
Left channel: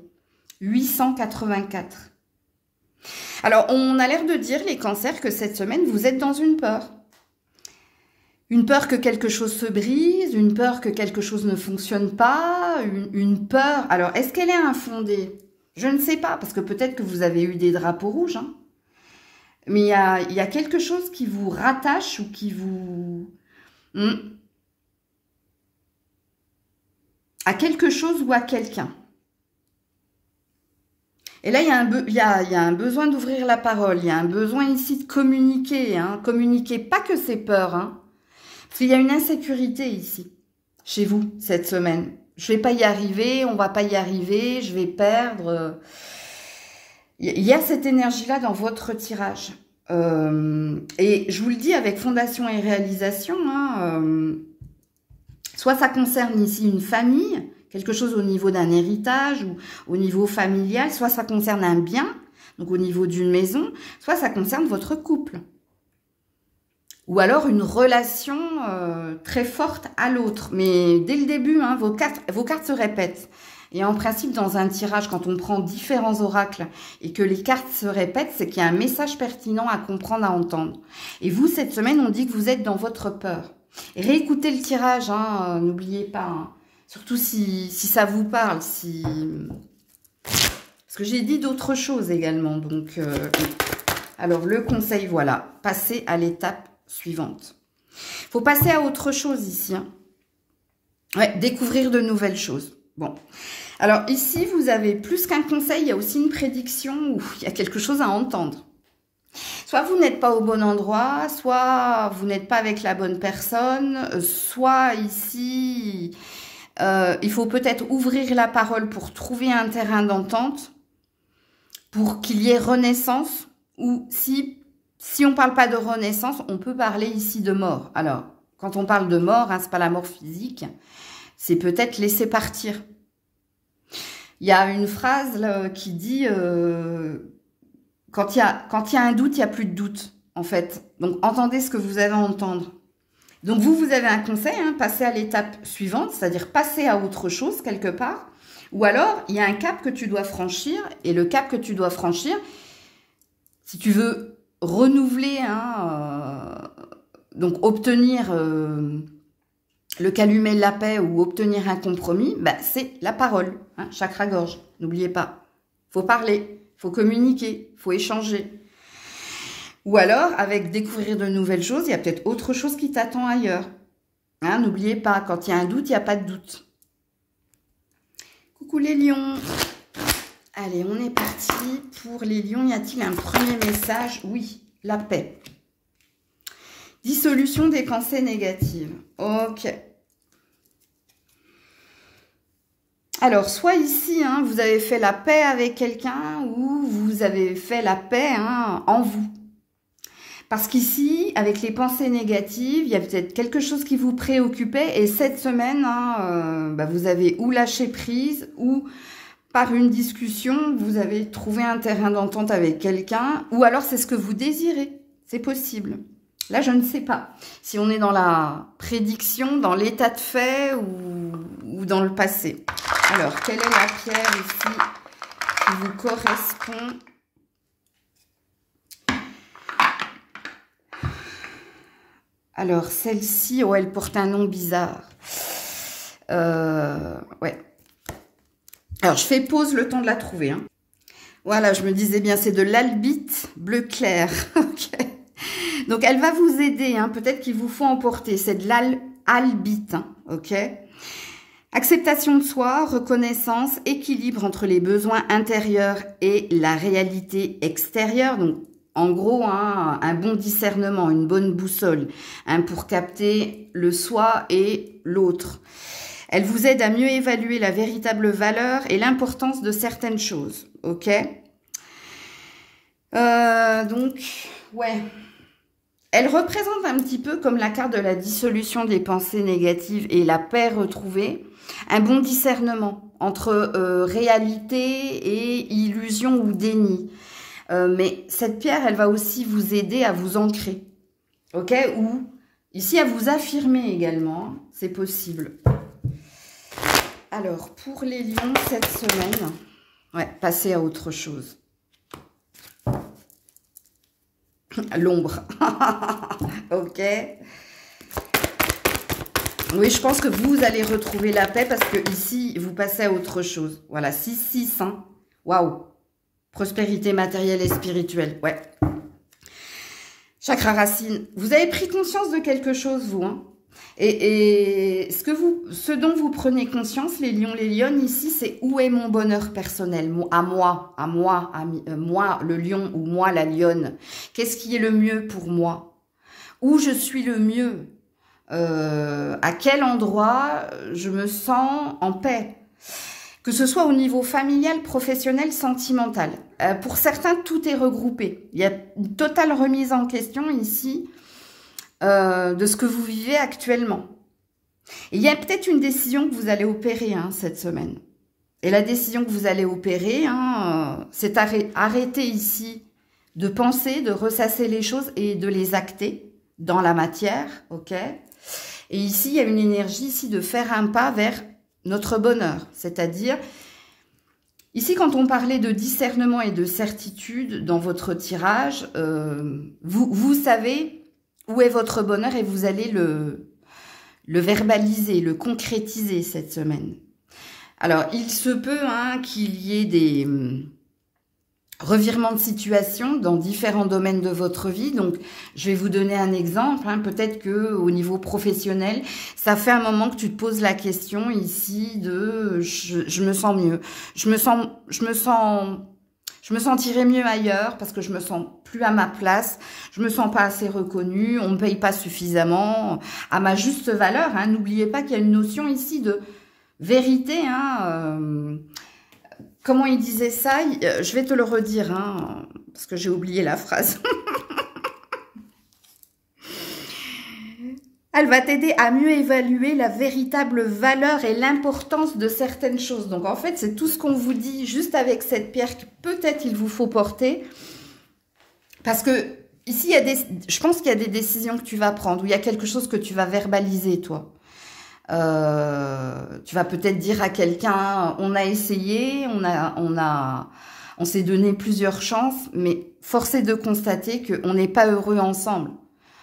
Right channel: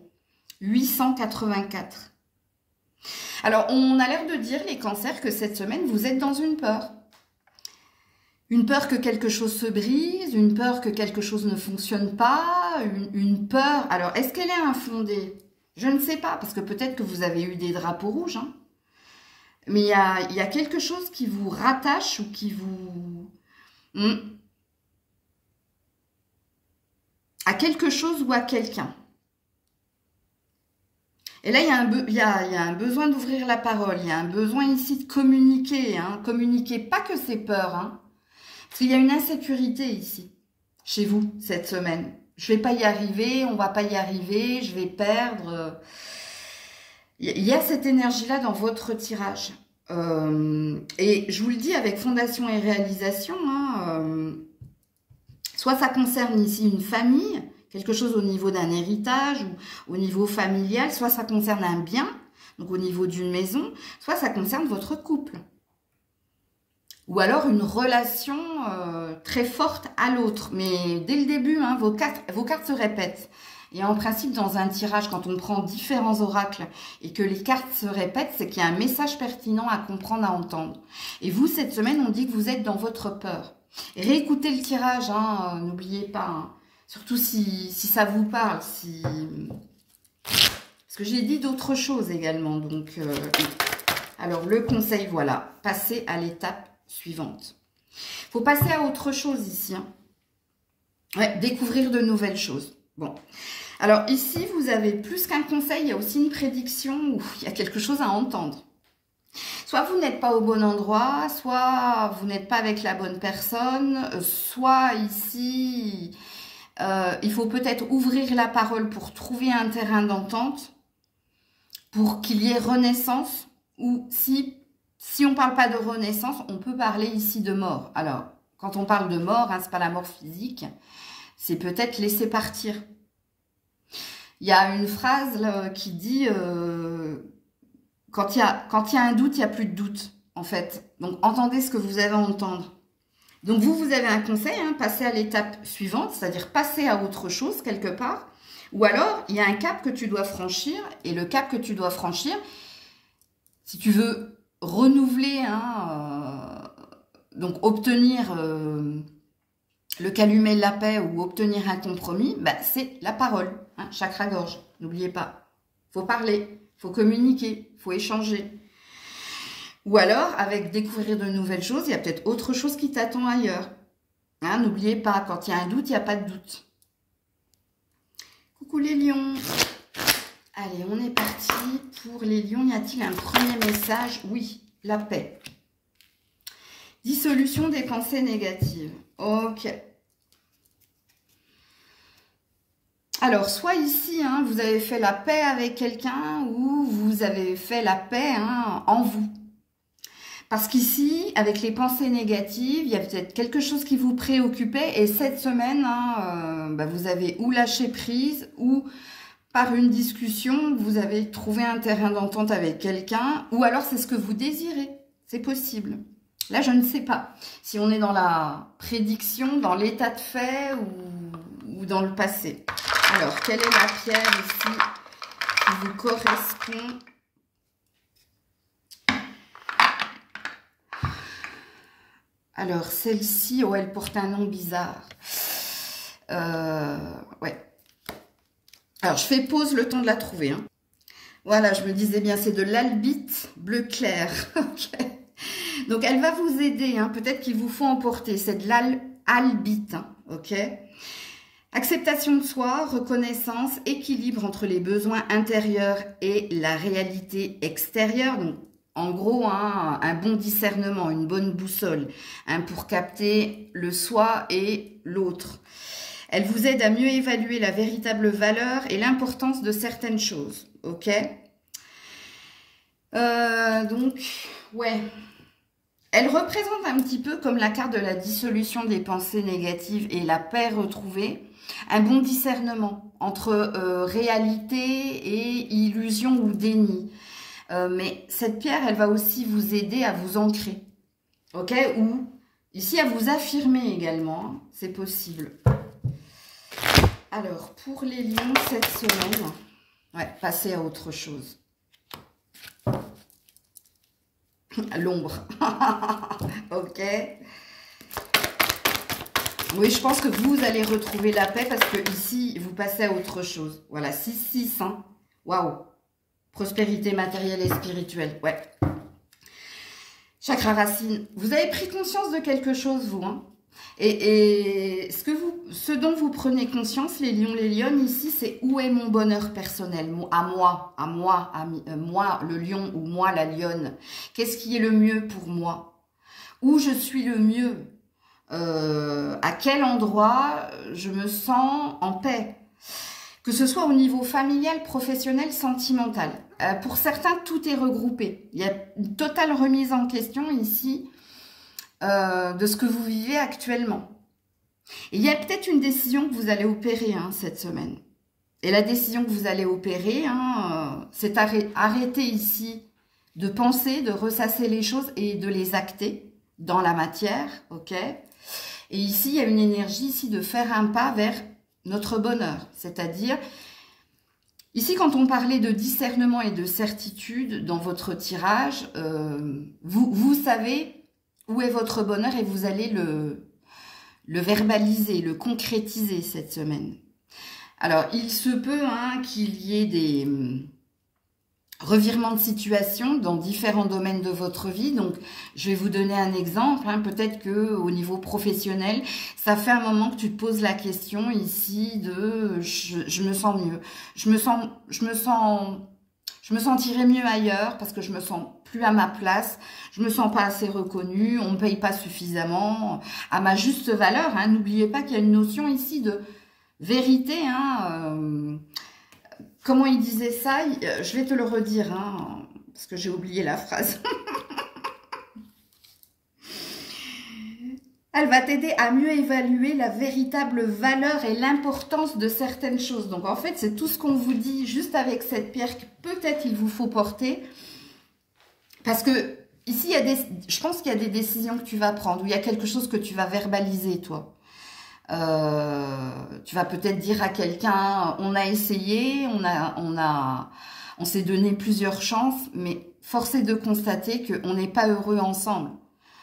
884. Alors, on a l'air de dire, les cancers, que cette semaine, vous êtes dans une peur. Une peur que quelque chose se brise, une peur que quelque chose ne fonctionne pas, une peur... Alors, est-ce qu'elle est infondée? Je ne sais pas, parce que peut-être que vous avez eu des drapeaux rouges, hein. Mais il y a quelque chose qui vous rattache ou qui vous... à quelque chose ou à quelqu'un. Et là, il y a un besoin d'ouvrir la parole, il y a un besoin ici de communiquer, hein. Communiquer, pas que c'est peur, hein. Parce qu'il y a une insécurité ici, chez vous, cette semaine. Je ne vais pas y arriver, on ne va pas y arriver, je vais perdre. Il y a cette énergie-là dans votre tirage. Et je vous le dis avec fondation et réalisation, hein, soit ça concerne ici une famille, quelque chose au niveau d'un héritage ou au niveau familial, soit ça concerne un bien, donc au niveau d'une maison, soit ça concerne votre couple. Ou alors une relation très forte à l'autre. Mais dès le début, hein, vos cartes se répètent. Et en principe, dans un tirage, quand on prend différents oracles et que les cartes se répètent, c'est qu'il y a un message pertinent à comprendre, à entendre. Et vous, cette semaine, on dit que vous êtes dans votre peur. Et réécoutez le tirage, hein, n'oubliez pas. Hein, surtout si ça vous parle. Parce que j'ai dit d'autres choses également. Donc, alors, le conseil, voilà. Passez à l'étape suivante. Il faut passer à autre chose ici. Hein. Ouais, découvrir de nouvelles choses. Bon. Alors ici, vous avez plus qu'un conseil, il y a aussi une prédiction où il y a quelque chose à entendre. Soit vous n'êtes pas au bon endroit, soit vous n'êtes pas avec la bonne personne, soit ici, il faut peut-être ouvrir la parole pour trouver un terrain d'entente, pour qu'il y ait renaissance, ou si on ne parle pas de renaissance, on peut parler ici de mort. Alors, quand on parle de mort, hein, ce n'est pas la mort physique, c'est peut-être laisser partir. Il y a une phrase là, qui dit quand il y a un doute, il n'y a plus de doute, en fait. Donc, entendez ce que vous avez à entendre. Donc, vous avez un conseil, hein, passez à l'étape suivante, c'est-à-dire passer à autre chose quelque part. Ou alors, il y a un cap que tu dois franchir, et le cap que tu dois franchir, si tu veux renouveler, hein, donc obtenir le calumet de la paix ou obtenir un compromis, bah, c'est la parole, hein, chakra-gorge. N'oubliez pas, faut parler, faut communiquer, faut échanger. Ou alors, avec découvrir de nouvelles choses, il y a peut-être autre chose qui t'attend ailleurs. Hein, n'oubliez pas, quand il y a un doute, il n'y a pas de doute. Coucou les lions. Allez, on est parti pour les lions. Y a-t-il un premier message? Oui, la paix. Dissolution des pensées négatives. Ok. Alors, soit ici, hein, vous avez fait la paix avec quelqu'un ou vous avez fait la paix hein, en vous. Parce qu'ici, avec les pensées négatives, il y a peut-être quelque chose qui vous préoccupait. Et cette semaine, hein, bah, vous avez ou lâché prise ou par une discussion, vous avez trouvé un terrain d'entente avec quelqu'un. Ou alors, c'est ce que vous désirez. C'est possible. Là, je ne sais pas si on est dans la prédiction, dans l'état de fait ou dans le passé. Alors, quelle est la pierre ici qui vous correspond? Alors, celle-ci, oh, elle porte un nom bizarre. Ouais. Alors, je fais pause le temps de la trouver. Hein. Voilà, je me disais bien, c'est de l'albite bleu clair. Ok. Donc, elle va vous aider. Hein. Peut-être qu'il vous faut emporter. C'est de l'albite. Hein. Ok. Acceptation de soi, reconnaissance, équilibre entre les besoins intérieurs et la réalité extérieure. Donc, en gros, hein, un bon discernement, une bonne boussole hein, pour capter le soi et l'autre. Elle vous aide à mieux évaluer la véritable valeur et l'importance de certaines choses. Ok. Donc, ouais. Elle représente un petit peu comme la carte de la dissolution des pensées négatives et la paix retrouvée. Un bon discernement entre réalité et illusion ou déni. Mais cette pierre, elle va aussi vous aider à vous ancrer. Ok? Ou ici, à vous affirmer également. Hein, c'est possible. Alors, pour les lions, cette semaine, ouais, passez à autre chose. L'ombre. Ok. Oui, je pense que vous allez retrouver la paix parce que ici, vous passez à autre chose. Voilà, 6-6. Hein. Waouh. Prospérité matérielle et spirituelle. Ouais. Chakra racine. Vous avez pris conscience de quelque chose, vous. Hein. Et ce dont vous prenez conscience, les lions, les lionnes, ici, c'est où est mon bonheur personnel, moi, le lion ou moi, la lionne. Qu'est-ce qui est le mieux pour moi? Où je suis le mieux? À quel endroit je me sens en paix? Que ce soit au niveau familial, professionnel, sentimental. Pour certains, tout est regroupé. Il y a une totale remise en question ici de ce que vous vivez actuellement. Et il y a peut-être une décision que vous allez opérer hein, cette semaine. Et la décision que vous allez opérer, hein, c'est arrêter ici de penser, de ressasser les choses et de les acter dans la matière. Ok. Et ici, il y a une énergie ici de faire un pas vers notre bonheur. C'est-à-dire, ici, quand on parlait de discernement et de certitude dans votre tirage, vous savez où est votre bonheur et vous allez le verbaliser, le concrétiser cette semaine. Alors, il se peut hein, qu'il y ait des revirements de situation dans différents domaines de votre vie. Donc, je vais vous donner un exemple. Hein. Peut-être que au niveau professionnel, ça fait un moment que tu te poses la question ici de je me sens mieux. Je me sentirais mieux ailleurs parce que je me sens plus à ma place. Je me sens pas assez reconnue. On me paye pas suffisamment à ma juste valeur. Hein. N'oubliez pas qu'il y a une notion ici de vérité. Hein, comment il disait ça? Je vais te le redire, hein, parce que j'ai oublié la phrase. Elle va t'aider à mieux évaluer la véritable valeur et l'importance de certaines choses. Donc, en fait, c'est tout ce qu'on vous dit juste avec cette pierre que peut-être il vous faut porter. Parce que ici, je pense qu'il y a des décisions que tu vas prendre, ou il y a quelque chose que tu vas verbaliser, toi. Tu vas peut-être dire à quelqu'un, on a essayé, on s'est donné plusieurs chances, mais force est de constater qu'on n'est pas heureux ensemble.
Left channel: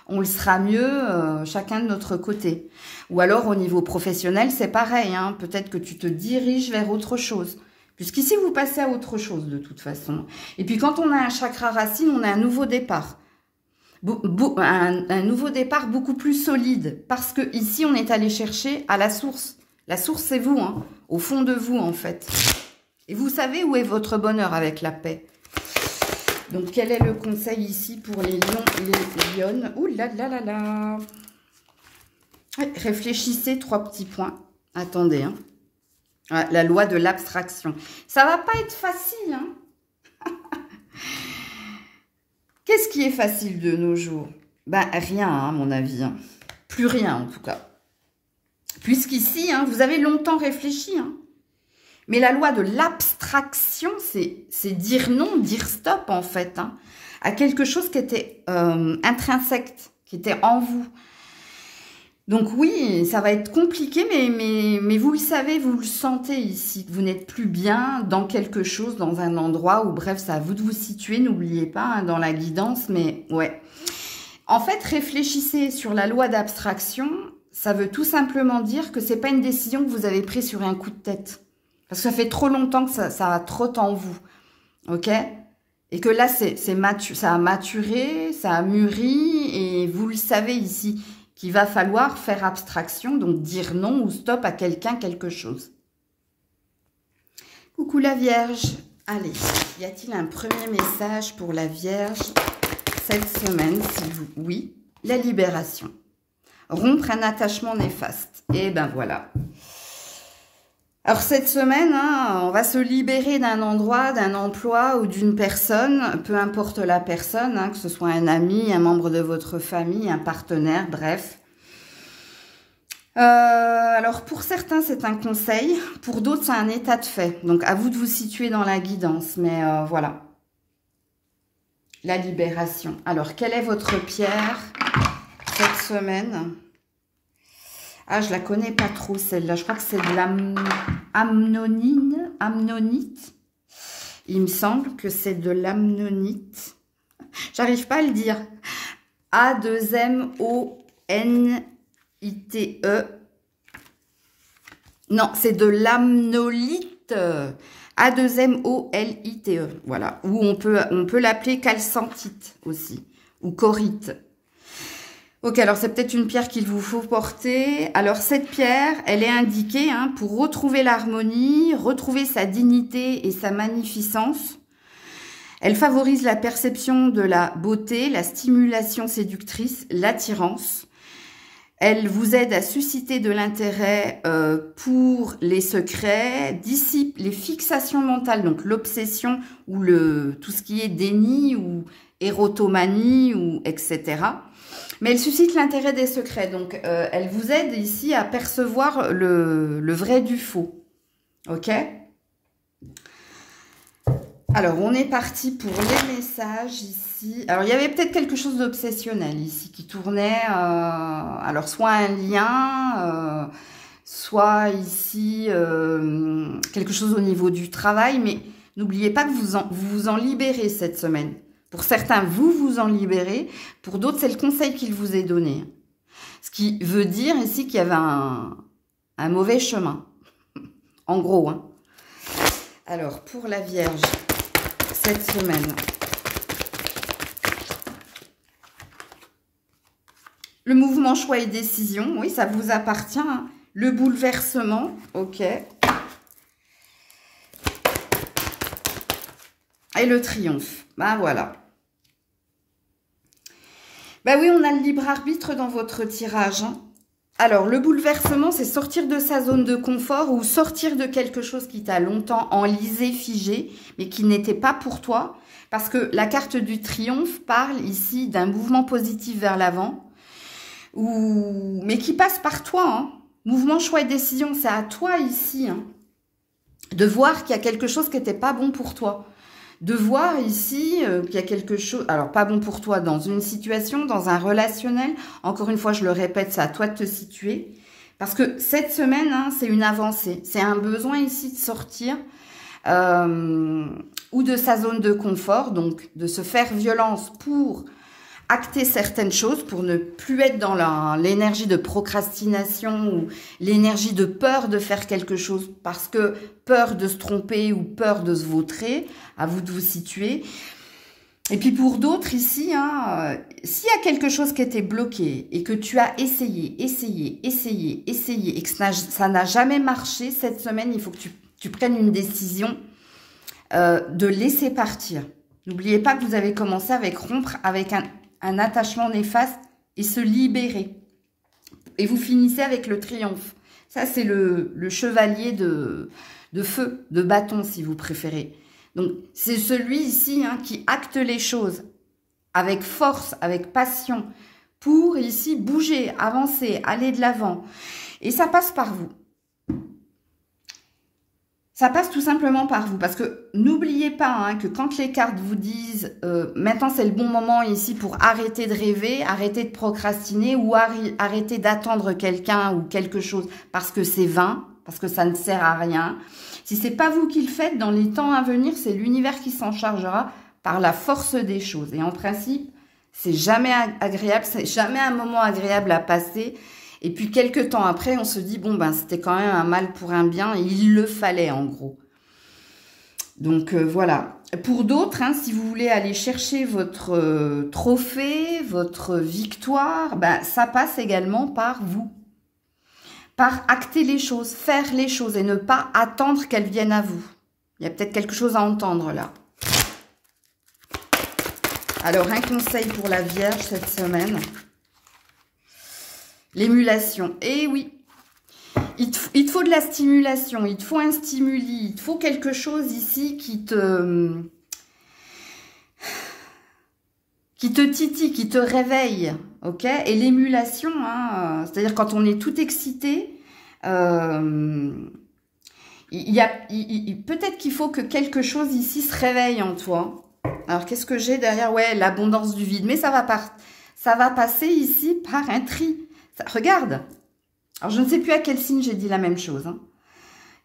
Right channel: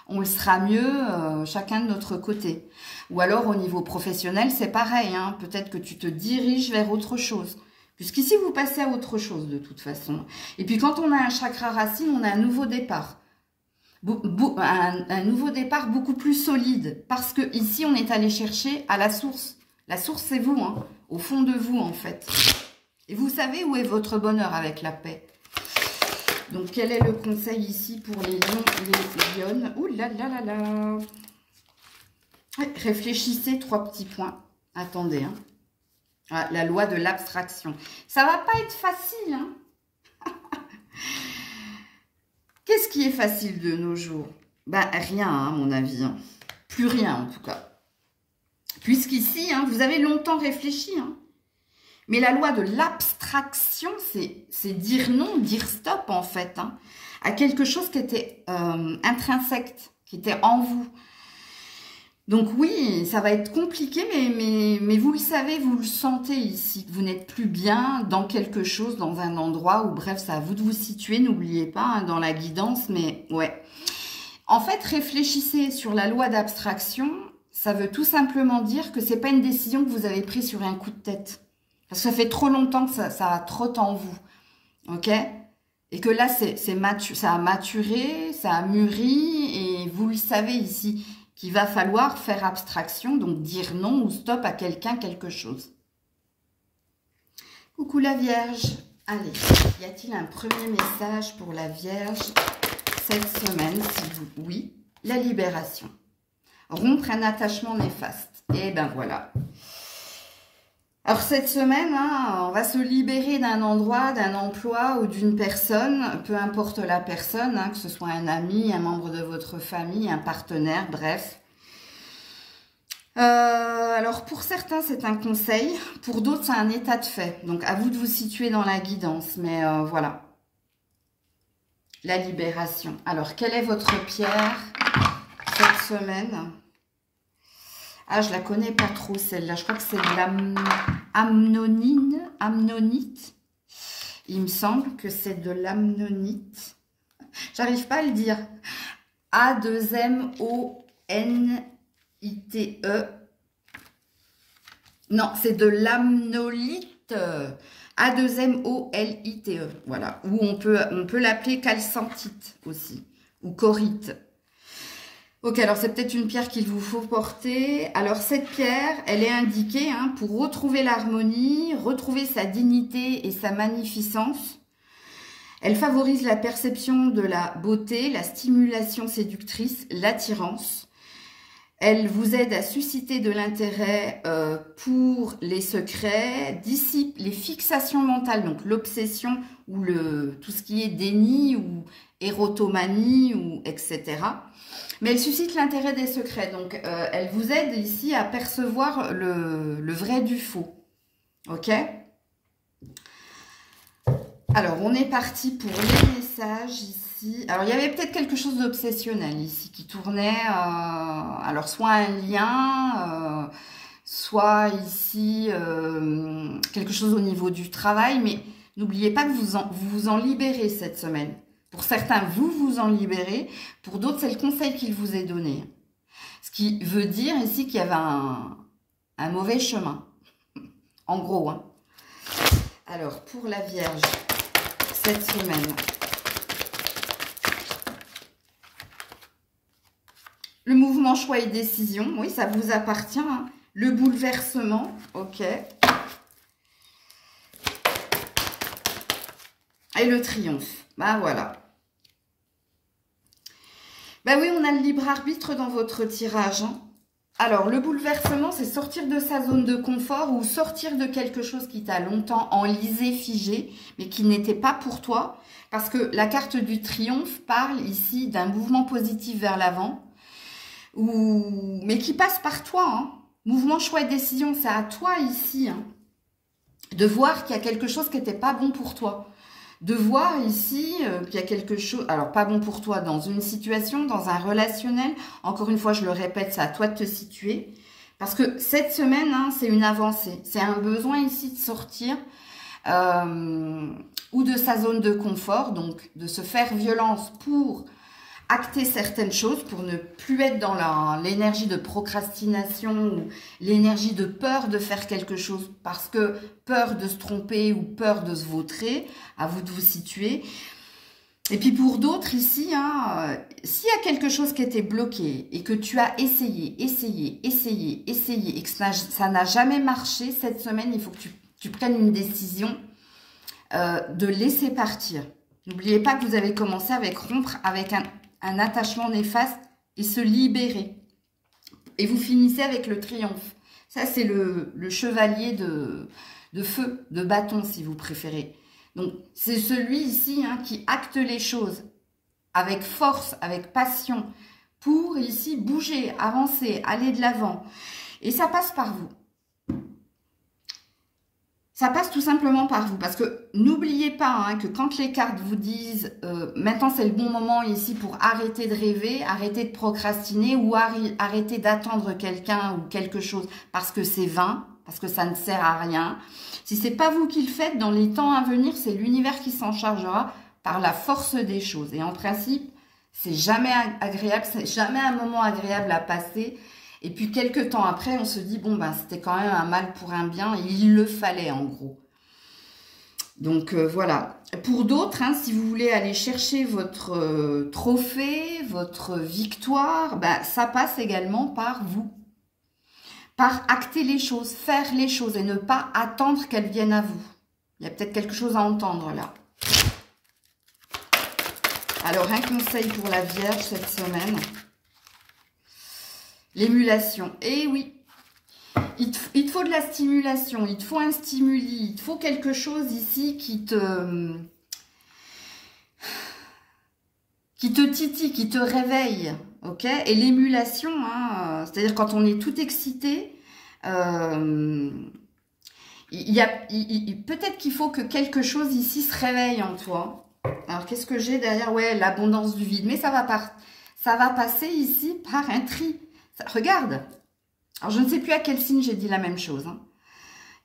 on le sera mieux chacun de notre côté. Ou alors au niveau professionnel, c'est pareil, hein, peut-être que tu te diriges vers autre chose. Puisqu'ici, vous passez à autre chose de toute façon. Et puis quand on a un chakra racine, on a un nouveau départ. Un nouveau départ beaucoup plus solide. Parce que ici, on est allé chercher à la source. La source, c'est vous, hein, au fond de vous en fait. Et vous savez où est votre bonheur avec la paix. Donc, quel est le conseil ici pour les lions et les lionnes? Ouh là là là là. Réfléchissez, 3 petits points. Attendez, hein. Ah, la loi de l'abstraction. Ça va pas être facile, hein. Qu'est-ce qui est facile de nos jours? Ben, rien, hein, à mon avis. Hein. Plus rien, en tout cas. Puisqu'ici, hein, vous avez longtemps réfléchi, hein. Mais la loi de l'abstraction, c'est dire non, dire stop, en fait, hein, à quelque chose qui était intrinsèque, qui était en vous. Donc oui, ça va être compliqué, mais vous le savez, vous le sentez ici, que vous n'êtes plus bien dans quelque chose, dans un endroit, ou bref, c'est à vous de vous situer, n'oubliez pas, hein, dans la guidance, mais ouais. En fait, réfléchissez sur la loi d'abstraction, ça veut tout simplement dire que c'est pas une décision que vous avez prise sur un coup de tête. Parce que ça fait trop longtemps que ça a trotte en vous, ok? Et que là, ça a maturé, ça a mûri, et vous le savez ici, qu'il va falloir faire abstraction, donc dire non ou stop à quelqu'un, quelque chose. Coucou la Vierge. Allez, y a-t-il un premier message pour la Vierge cette semaine, s'il vous plaît? Oui, la libération. Rompre un attachement néfaste. Et ben voilà. Alors cette semaine, hein, on va se libérer d'un endroit, d'un emploi ou d'une personne, peu importe la personne, hein, que ce soit un ami, un membre de votre famille, un partenaire, bref. Alors pour certains c'est un conseil, pour d'autres c'est un état de fait. Donc à vous de vous situer dans la guidance, mais voilà. La libération. Alors quelle est votre pierre cette semaine? Ah, je la connais pas trop celle-là. Je crois que c'est de l'amnonite. Il me semble que c'est de l'amnonite. J'arrive pas à le dire. A2MONITE. Non, c'est de l'amnolite. A2MOLITE. Voilà. Ou on peut l'appeler calcentite aussi. Ou corite. Ok, alors c'est peut-être une pierre qu'il vous faut porter. Alors cette pierre, elle est indiquée hein, pour retrouver l'harmonie, retrouver sa dignité et sa magnificence. Elle favorise la perception de la beauté, la stimulation séductrice, l'attirance. Elle vous aide à susciter de l'intérêt pour les secrets, dissipe les fixations mentales, donc l'obsession ou tout ce qui est déni ou érotomanie ou etc. Mais elle suscite l'intérêt des secrets. Donc, elle vous aide ici à percevoir le vrai du faux. Ok? Alors, on est parti pour les messages ici. Alors, il y avait peut-être quelque chose d'obsessionnel ici qui tournait. Alors, soit un lien, soit ici quelque chose au niveau du travail. Mais n'oubliez pas que vous vous en libérez cette semaine. Pour certains, vous vous en libérez. Pour d'autres, c'est le conseil qu'il vous est donné. Ce qui veut dire ici qu'il y avait un mauvais chemin. En gros. Hein. Alors, pour la Vierge, cette semaine. Le mouvement choix et décision. Oui, ça vous appartient. Hein. Le bouleversement. Ok. Et le triomphe. Ben voilà. Ben oui, on a le libre arbitre dans votre tirage. Hein. Alors, le bouleversement, c'est sortir de sa zone de confort ou sortir de quelque chose qui t'a longtemps enlisé, figé, mais qui n'était pas pour toi. Parce que la carte du triomphe parle ici d'un mouvement positif vers l'avant, mais qui passe par toi. Hein. Mouvement, choix et décision, c'est à toi ici hein, de voir qu'il y a quelque chose qui n'était pas bon pour toi. De voir ici qu'il y a quelque chose, alors pas bon pour toi dans une situation, dans un relationnel. Encore une fois, je le répète, c'est à toi de te situer. Parce que cette semaine, hein, c'est une avancée. C'est un besoin ici de sortir ou de sa zone de confort, donc de se faire violence pour acter certaines choses pour ne plus être dans l'énergie de procrastination ou l'énergie de peur de faire quelque chose parce que peur de se tromper ou peur de se vautrer, à vous de vous situer. Et puis pour d'autres ici, hein, s'il y a quelque chose qui était bloqué et que tu as essayé et que ça n'a jamais marché, cette semaine, il faut que tu prennes une décision de laisser partir. N'oubliez pas que vous avez commencé avec rompre avec un attachement néfaste et se libérer. Et vous finissez avec le triomphe. Ça, c'est le chevalier de feu, de bâton, si vous préférez. Donc, c'est celui ici hein, qui acte les choses avec force, avec passion, pour ici bouger, avancer, aller de l'avant. Et ça passe par vous. Ça passe tout simplement par vous. Parce que n'oubliez pas hein, que quand les cartes vous disent maintenant c'est le bon moment ici pour arrêter de rêver, arrêter de procrastiner ou arrêter d'attendre quelqu'un ou quelque chose parce que c'est vain, parce que ça ne sert à rien. Si ce n'est pas vous qui le faites, dans les temps à venir, c'est l'univers qui s'en chargera par la force des choses. Et en principe, c'est jamais agréable, c'est jamais un moment agréable à passer. Et puis, quelques temps après, on se dit, bon, ben, c'était quand même un mal pour un bien et il le fallait, en gros. Donc, voilà. Pour d'autres, hein, si vous voulez aller chercher votre trophée, votre victoire, ben, ça passe également par vous. Par acter les choses, faire les choses et ne pas attendre qu'elles viennent à vous. Il y a peut-être quelque chose à entendre là. Alors, un conseil pour la Vierge cette semaine. L'émulation. Eh oui, il te faut de la stimulation, il te faut un stimuli, il te faut quelque chose ici qui te titille, qui te réveille. Ok, et l'émulation, hein, c'est-à-dire quand on est tout excité, peut-être qu'il faut que quelque chose ici se réveille en toi. Alors, qu'est-ce que j'ai derrière? Ouais, l'abondance du vide. Mais ça va passer ici par un tri. Regarde. Alors, je ne sais plus à quel signe j'ai dit la même chose. Hein.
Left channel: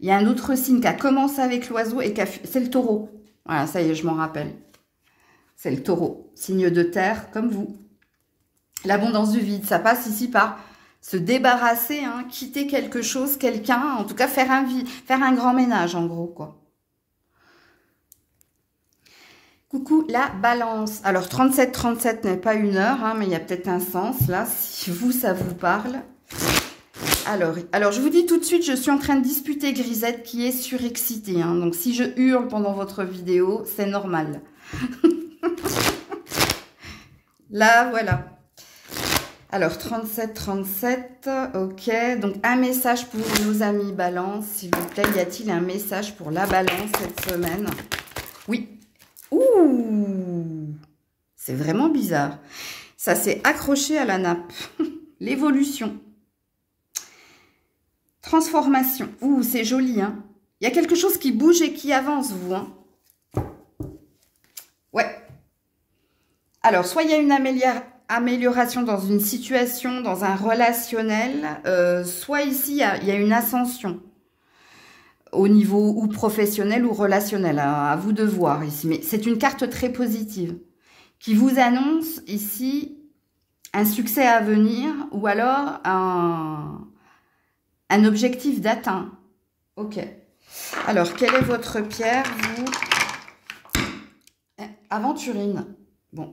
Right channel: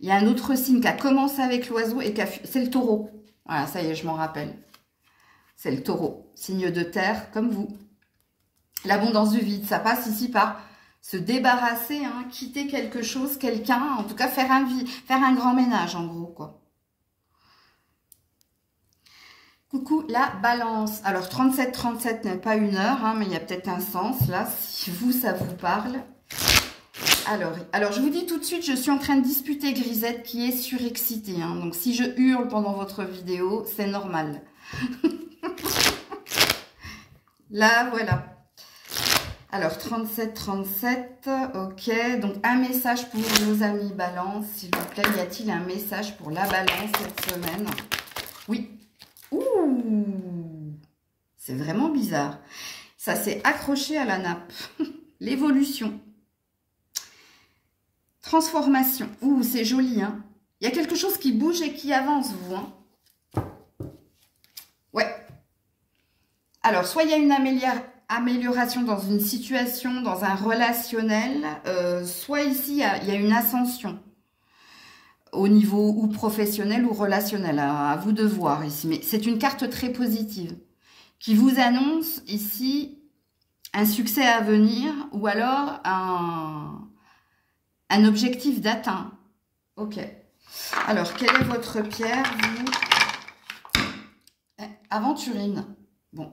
Il y a un autre signe qui a commencé avec l'oiseau et c'est le taureau. Voilà, ça y est, je m'en rappelle. C'est le taureau. Signe de terre, comme vous. L'abondance du vide, ça passe ici par se débarrasser, hein, quitter quelque chose, quelqu'un, en tout cas faire un grand ménage en gros, quoi. Coucou la balance. Alors 37-37 n'est pas une heure, hein, mais il y a peut-être un sens là, si vous, ça vous parle. Alors je vous dis tout de suite, je suis en train de disputer Grisette qui est surexcitée. Hein, donc si je hurle pendant votre vidéo, c'est normal. Là, voilà. Alors, 37-37, ok. Donc, un message pour nos amis balance, s'il vous plaît. Y a-t-il un message pour la balance cette semaine? Oui. Ouh! C'est vraiment bizarre. Ça s'est accroché à la nappe. L'évolution. Transformation. Ouh, c'est joli, hein. Il y a quelque chose qui bouge et qui avance, vous, hein. Ouais. Alors, soit il y a une amélioration dans une situation, dans un relationnel, soit ici, il y a une ascension au niveau ou professionnel ou relationnel, à vous de voir ici. Mais c'est une carte très positive qui vous annonce ici un succès à venir ou alors un objectif d'atteint. Ok. Alors, quelle est votre pierre, vous? Aventurine. Bon.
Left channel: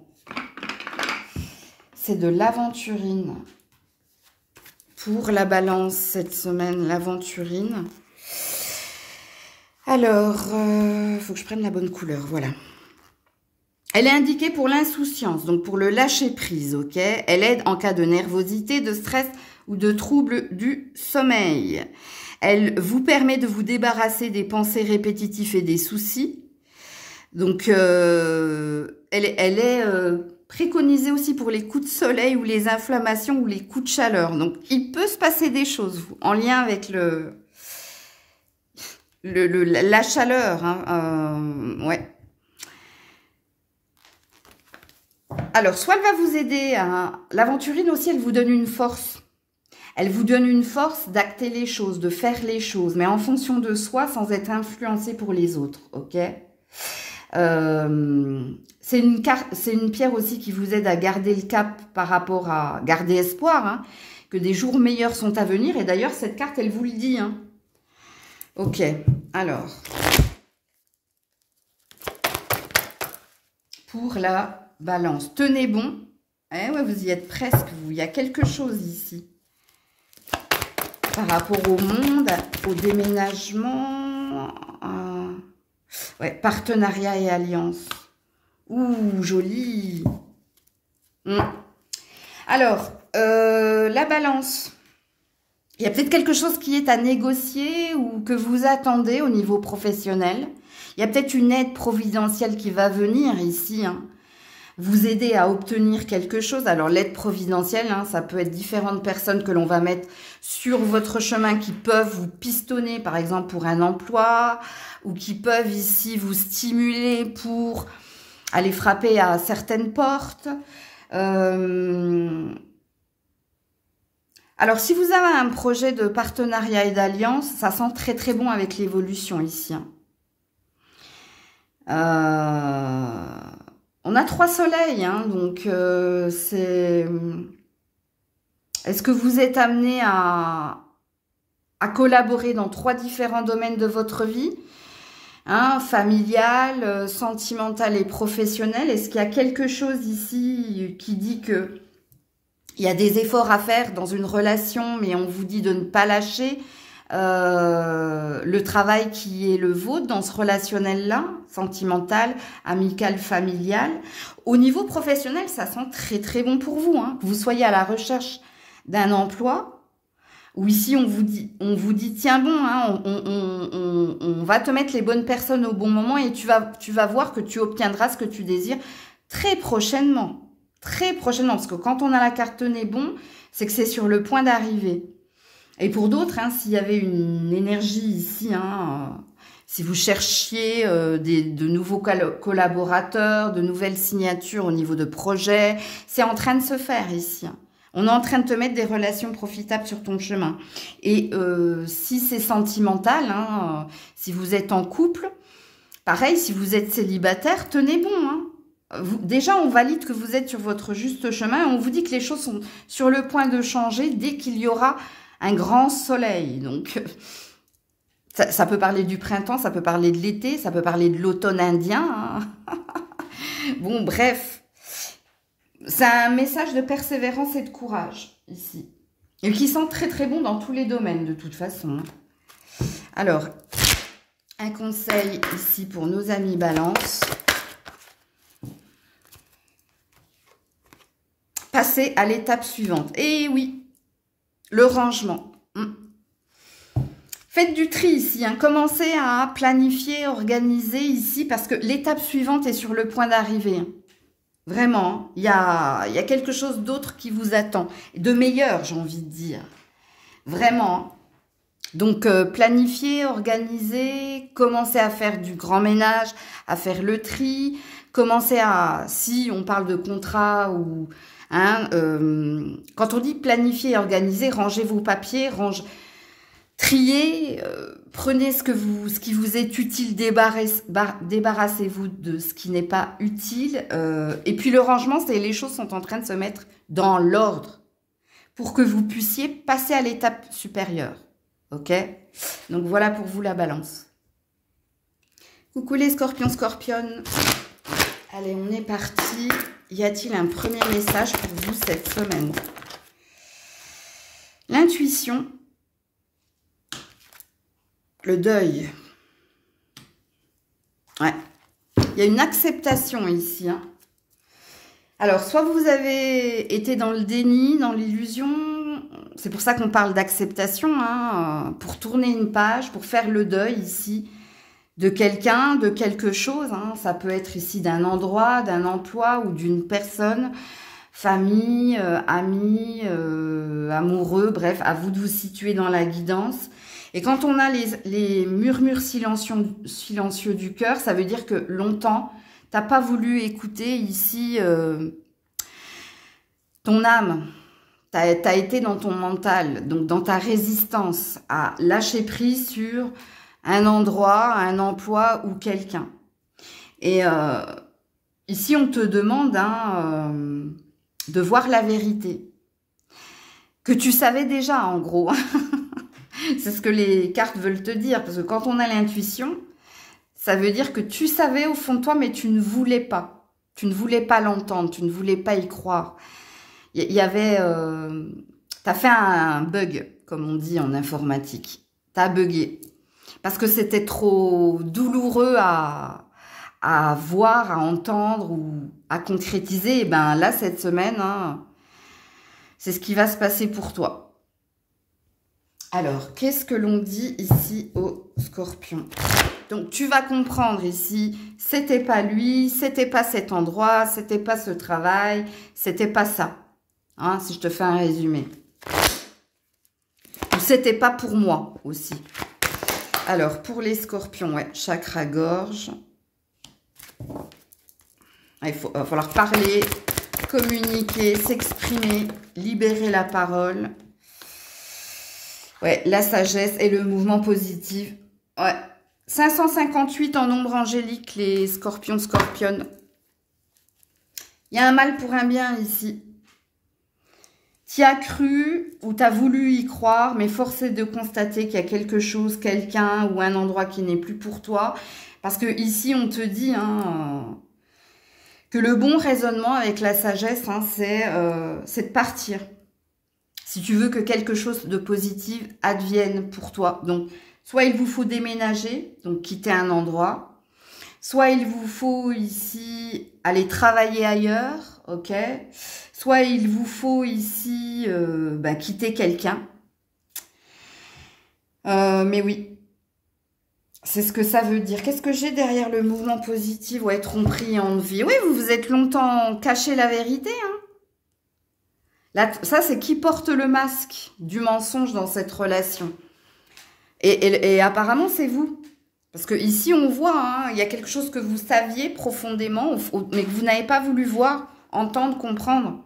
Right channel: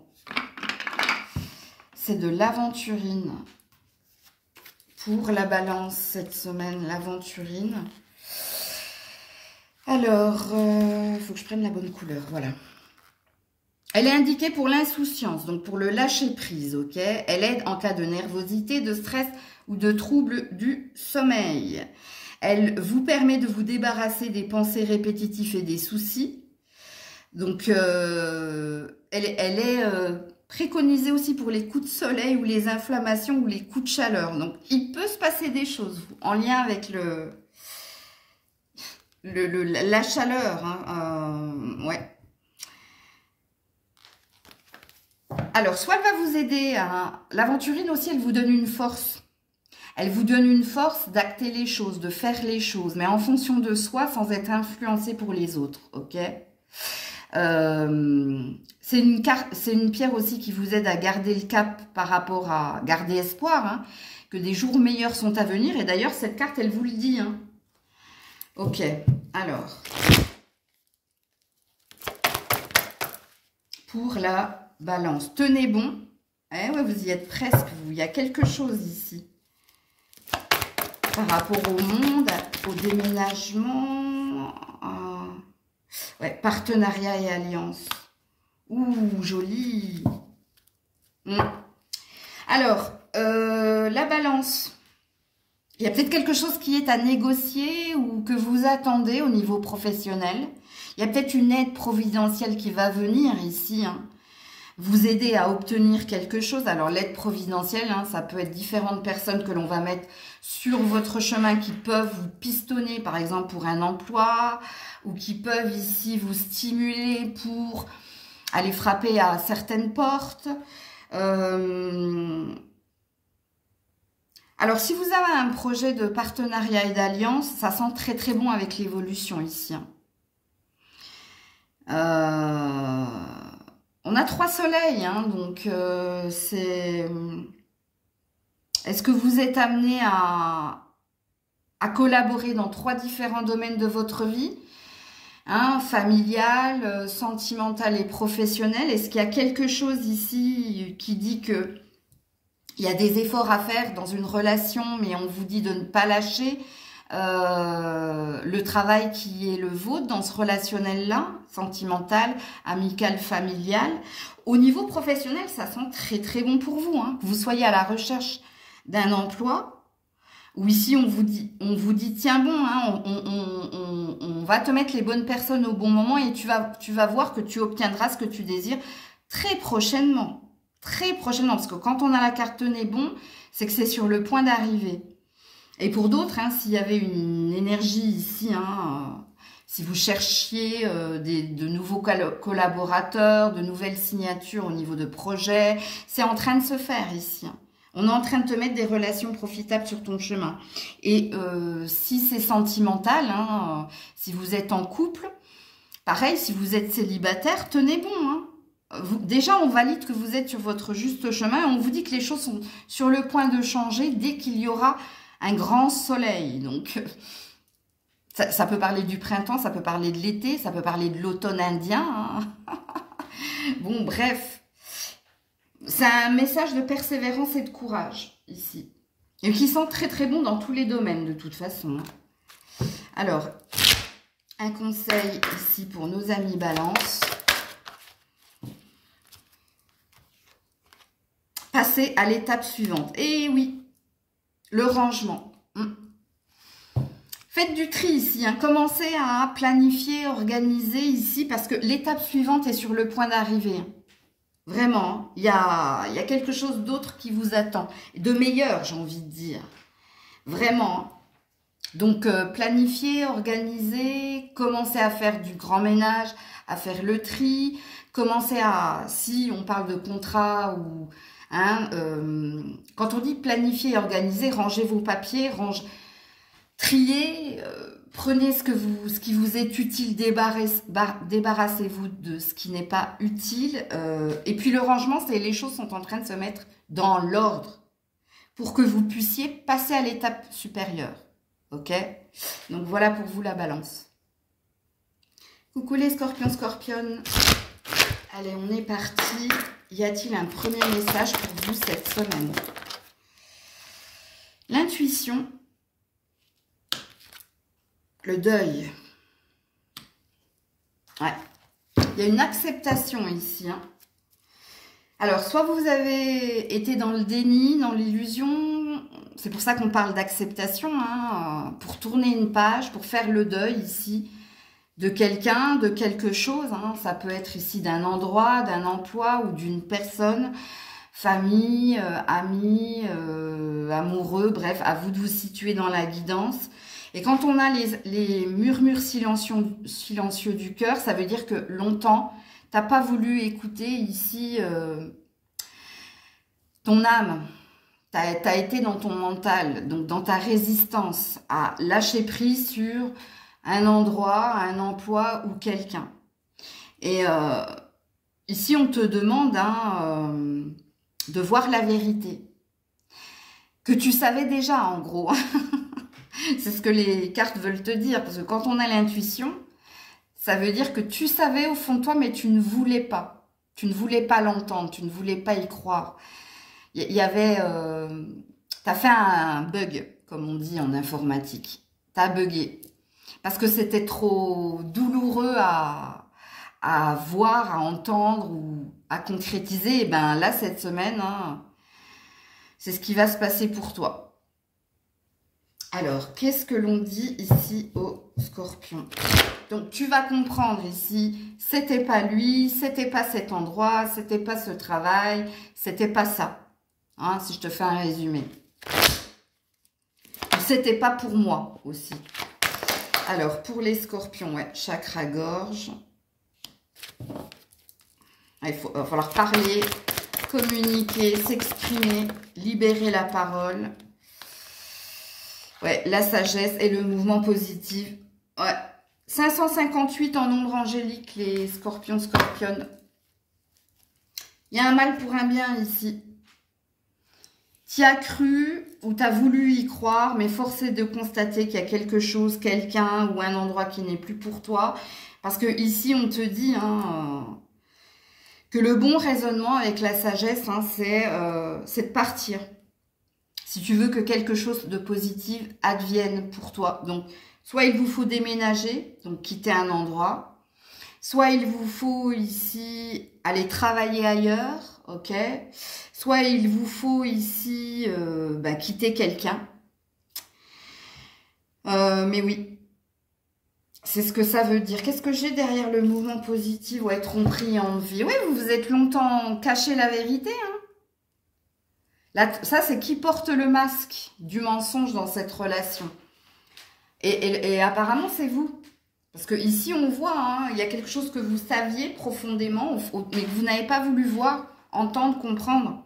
C'est de l'aventurine pour la balance cette semaine, l'aventurine. Alors, faut que je prenne la bonne couleur, voilà. Elle est indiquée pour l'insouciance, donc pour le lâcher prise, ok? Elle aide en cas de nervosité, de stress ou de troubles du sommeil. Elle vous permet de vous débarrasser des pensées répétitives et des soucis. Donc, elle est préconisée aussi pour les coups de soleil ou les inflammations ou les coups de chaleur. Donc, il peut se passer des choses en lien avec la chaleur. Hein, ouais. Alors, soit elle va vous aider, l'aventurine aussi, elle vous donne une force. Elle vous donne une force d'acter les choses, de faire les choses, mais en fonction de soi, sans être influencé pour les autres, ok? C'est une pierre aussi qui vous aide à garder le cap par rapport à garder espoir, hein, que des jours meilleurs sont à venir. Et d'ailleurs, cette carte, elle vous le dit. Hein. Ok, alors, pour la balance, tenez bon. Eh ouais, vous y êtes presque, vous. Il y a quelque chose ici. Par rapport au monde, au déménagement, ouais, partenariat et alliance. Ouh, joli. Alors, la balance. Il y a peut-être quelque chose qui est à négocier ou que vous attendez au niveau professionnel. Il y a peut-être une aide providentielle qui va venir ici, hein, vous aider à obtenir quelque chose. Alors, l'aide providentielle, hein, ça peut être différentes personnes que l'on va mettre sur votre chemin qui peuvent vous pistonner, par exemple, pour un emploi ou qui peuvent ici vous stimuler pour aller frapper à certaines portes. Alors, si vous avez un projet de partenariat et d'alliance, ça sent très très bon avec l'évolution ici. On a 3 soleils, hein, donc c'est... Est-ce que vous êtes amené à collaborer dans 3 différents domaines de votre vie, hein, familial, sentimental et professionnel? Est-ce qu'il y a quelque chose ici qui dit que il y a des efforts à faire dans une relation, mais on vous dit de ne pas lâcher le travail qui est le vôtre dans ce relationnel-là, sentimental, amical, familial. Au niveau professionnel, ça sent très très bon pour vous, hein, que vous soyez à la recherche d'un emploi, ou ici on vous dit tiens bon, hein, on va te mettre les bonnes personnes au bon moment et tu vas voir que tu obtiendras ce que tu désires très prochainement. Très prochainement, parce que quand on a la carte nez bon, c'est que c'est sur le point d'arriver. Et pour d'autres, hein, s'il y avait une énergie ici, hein, si vous cherchiez de nouveaux collaborateurs, de nouvelles signatures au niveau de projets, c'est en train de se faire ici. Hein. On est en train de te mettre des relations profitables sur ton chemin. Et si c'est sentimental, hein, si vous êtes en couple, pareil, si vous êtes célibataire, tenez bon, hein. Déjà, on valide que vous êtes sur votre juste chemin et on vous dit que les choses sont sur le point de changer dès qu'il y aura un grand soleil. Donc, ça peut parler du printemps, ça peut parler de l'été, ça peut parler de l'automne indien. Hein. Bon, bref, c'est un message de persévérance et de courage ici. Et qui sent très très bon dans tous les domaines de toute façon. Alors, un conseil ici pour nos amis Balance. Passer à l'étape suivante. Et oui, le rangement. Faites du tri ici. Hein. Commencez à planifier, organiser ici parce que l'étape suivante est sur le point d'arriver. Hein. Vraiment, il y a quelque chose d'autre qui vous attend. De meilleur, j'ai envie de dire. Vraiment. Donc, planifier, organiser, commencer à faire du grand ménage, à faire le tri, commencer à, si on parle de contrat ou... Hein, quand on dit planifier et organiser, rangez vos papiers, triez, prenez ce qui vous est utile, débarrassez-vous de ce qui n'est pas utile. Et puis le rangement, c'est les choses sont en train de se mettre dans l'ordre pour que vous puissiez passer à l'étape supérieure. Ok? Donc voilà pour vous la balance. Coucou les scorpions, scorpionnes. Allez, on est parti. Y a-t-il un premier message pour vous cette semaine? L'intuition, le deuil. Ouais. Il y a une acceptation ici. Hein. Alors, soit vous avez été dans le déni, dans l'illusion. C'est pour ça qu'on parle d'acceptation. Hein, pour tourner une page, pour faire le deuil ici. De quelqu'un, de quelque chose, hein. Ça peut être ici d'un endroit, d'un emploi ou d'une personne, famille, amis, amoureux, bref, à vous de vous situer dans la guidance. Et quand on a les murmures silencieux du cœur, ça veut dire que longtemps, tu n'as pas voulu écouter ici ton âme. Tu as été dans ton mental, donc dans ta résistance à lâcher prise sur... un endroit, un emploi ou quelqu'un. Et ici, on te demande hein, de voir la vérité. Que tu savais déjà, en gros. C'est ce que les cartes veulent te dire. Parce que quand on a l'intuition, ça veut dire que tu savais au fond de toi, mais tu ne voulais pas. Tu ne voulais pas l'entendre, tu ne voulais pas y croire. Il y avait... tu as fait un bug, comme on dit en informatique. Tu as bugué. Parce que c'était trop douloureux à voir, à entendre ou à concrétiser. Et ben là, cette semaine, hein, c'est ce qui va se passer pour toi. Alors, qu'est-ce que l'on dit ici au Scorpion? Donc, tu vas comprendre ici, c'était pas lui, c'était pas cet endroit, c'était pas ce travail, c'était pas ça. Hein, si je te fais un résumé. C'était pas pour moi aussi. Alors, pour les Scorpions, ouais, chakra-gorge. Il va falloir parler, communiquer, s'exprimer, libérer la parole. Ouais, la sagesse et le mouvement positif. Ouais. 558 en nombre angélique, les Scorpions, Scorpionnes. Il y a un mal pour un bien ici. Tu as cru ou tu as voulu y croire, mais force est de constater qu'il y a quelque chose, quelqu'un ou un endroit qui n'est plus pour toi. Parce que ici, on te dit hein, que le bon raisonnement avec la sagesse, hein, c'est de partir. Si tu veux que quelque chose de positif advienne pour toi. Donc, soit il vous faut déménager, donc quitter un endroit. Soit il vous faut ici aller travailler ailleurs, ok. Soit il vous faut ici quitter quelqu'un. Mais oui, c'est ce que ça veut dire. Qu'est-ce que j'ai derrière le mouvement positif? Ouais, tromperie, envie. Oui, vous vous êtes longtemps caché la vérité. Hein. Là, ça, c'est qui porte le masque du mensonge dans cette relation. Et apparemment, c'est vous. Parce que ici, on voit, hein, il y a quelque chose que vous saviez profondément, mais que vous n'avez pas voulu voir, entendre, comprendre.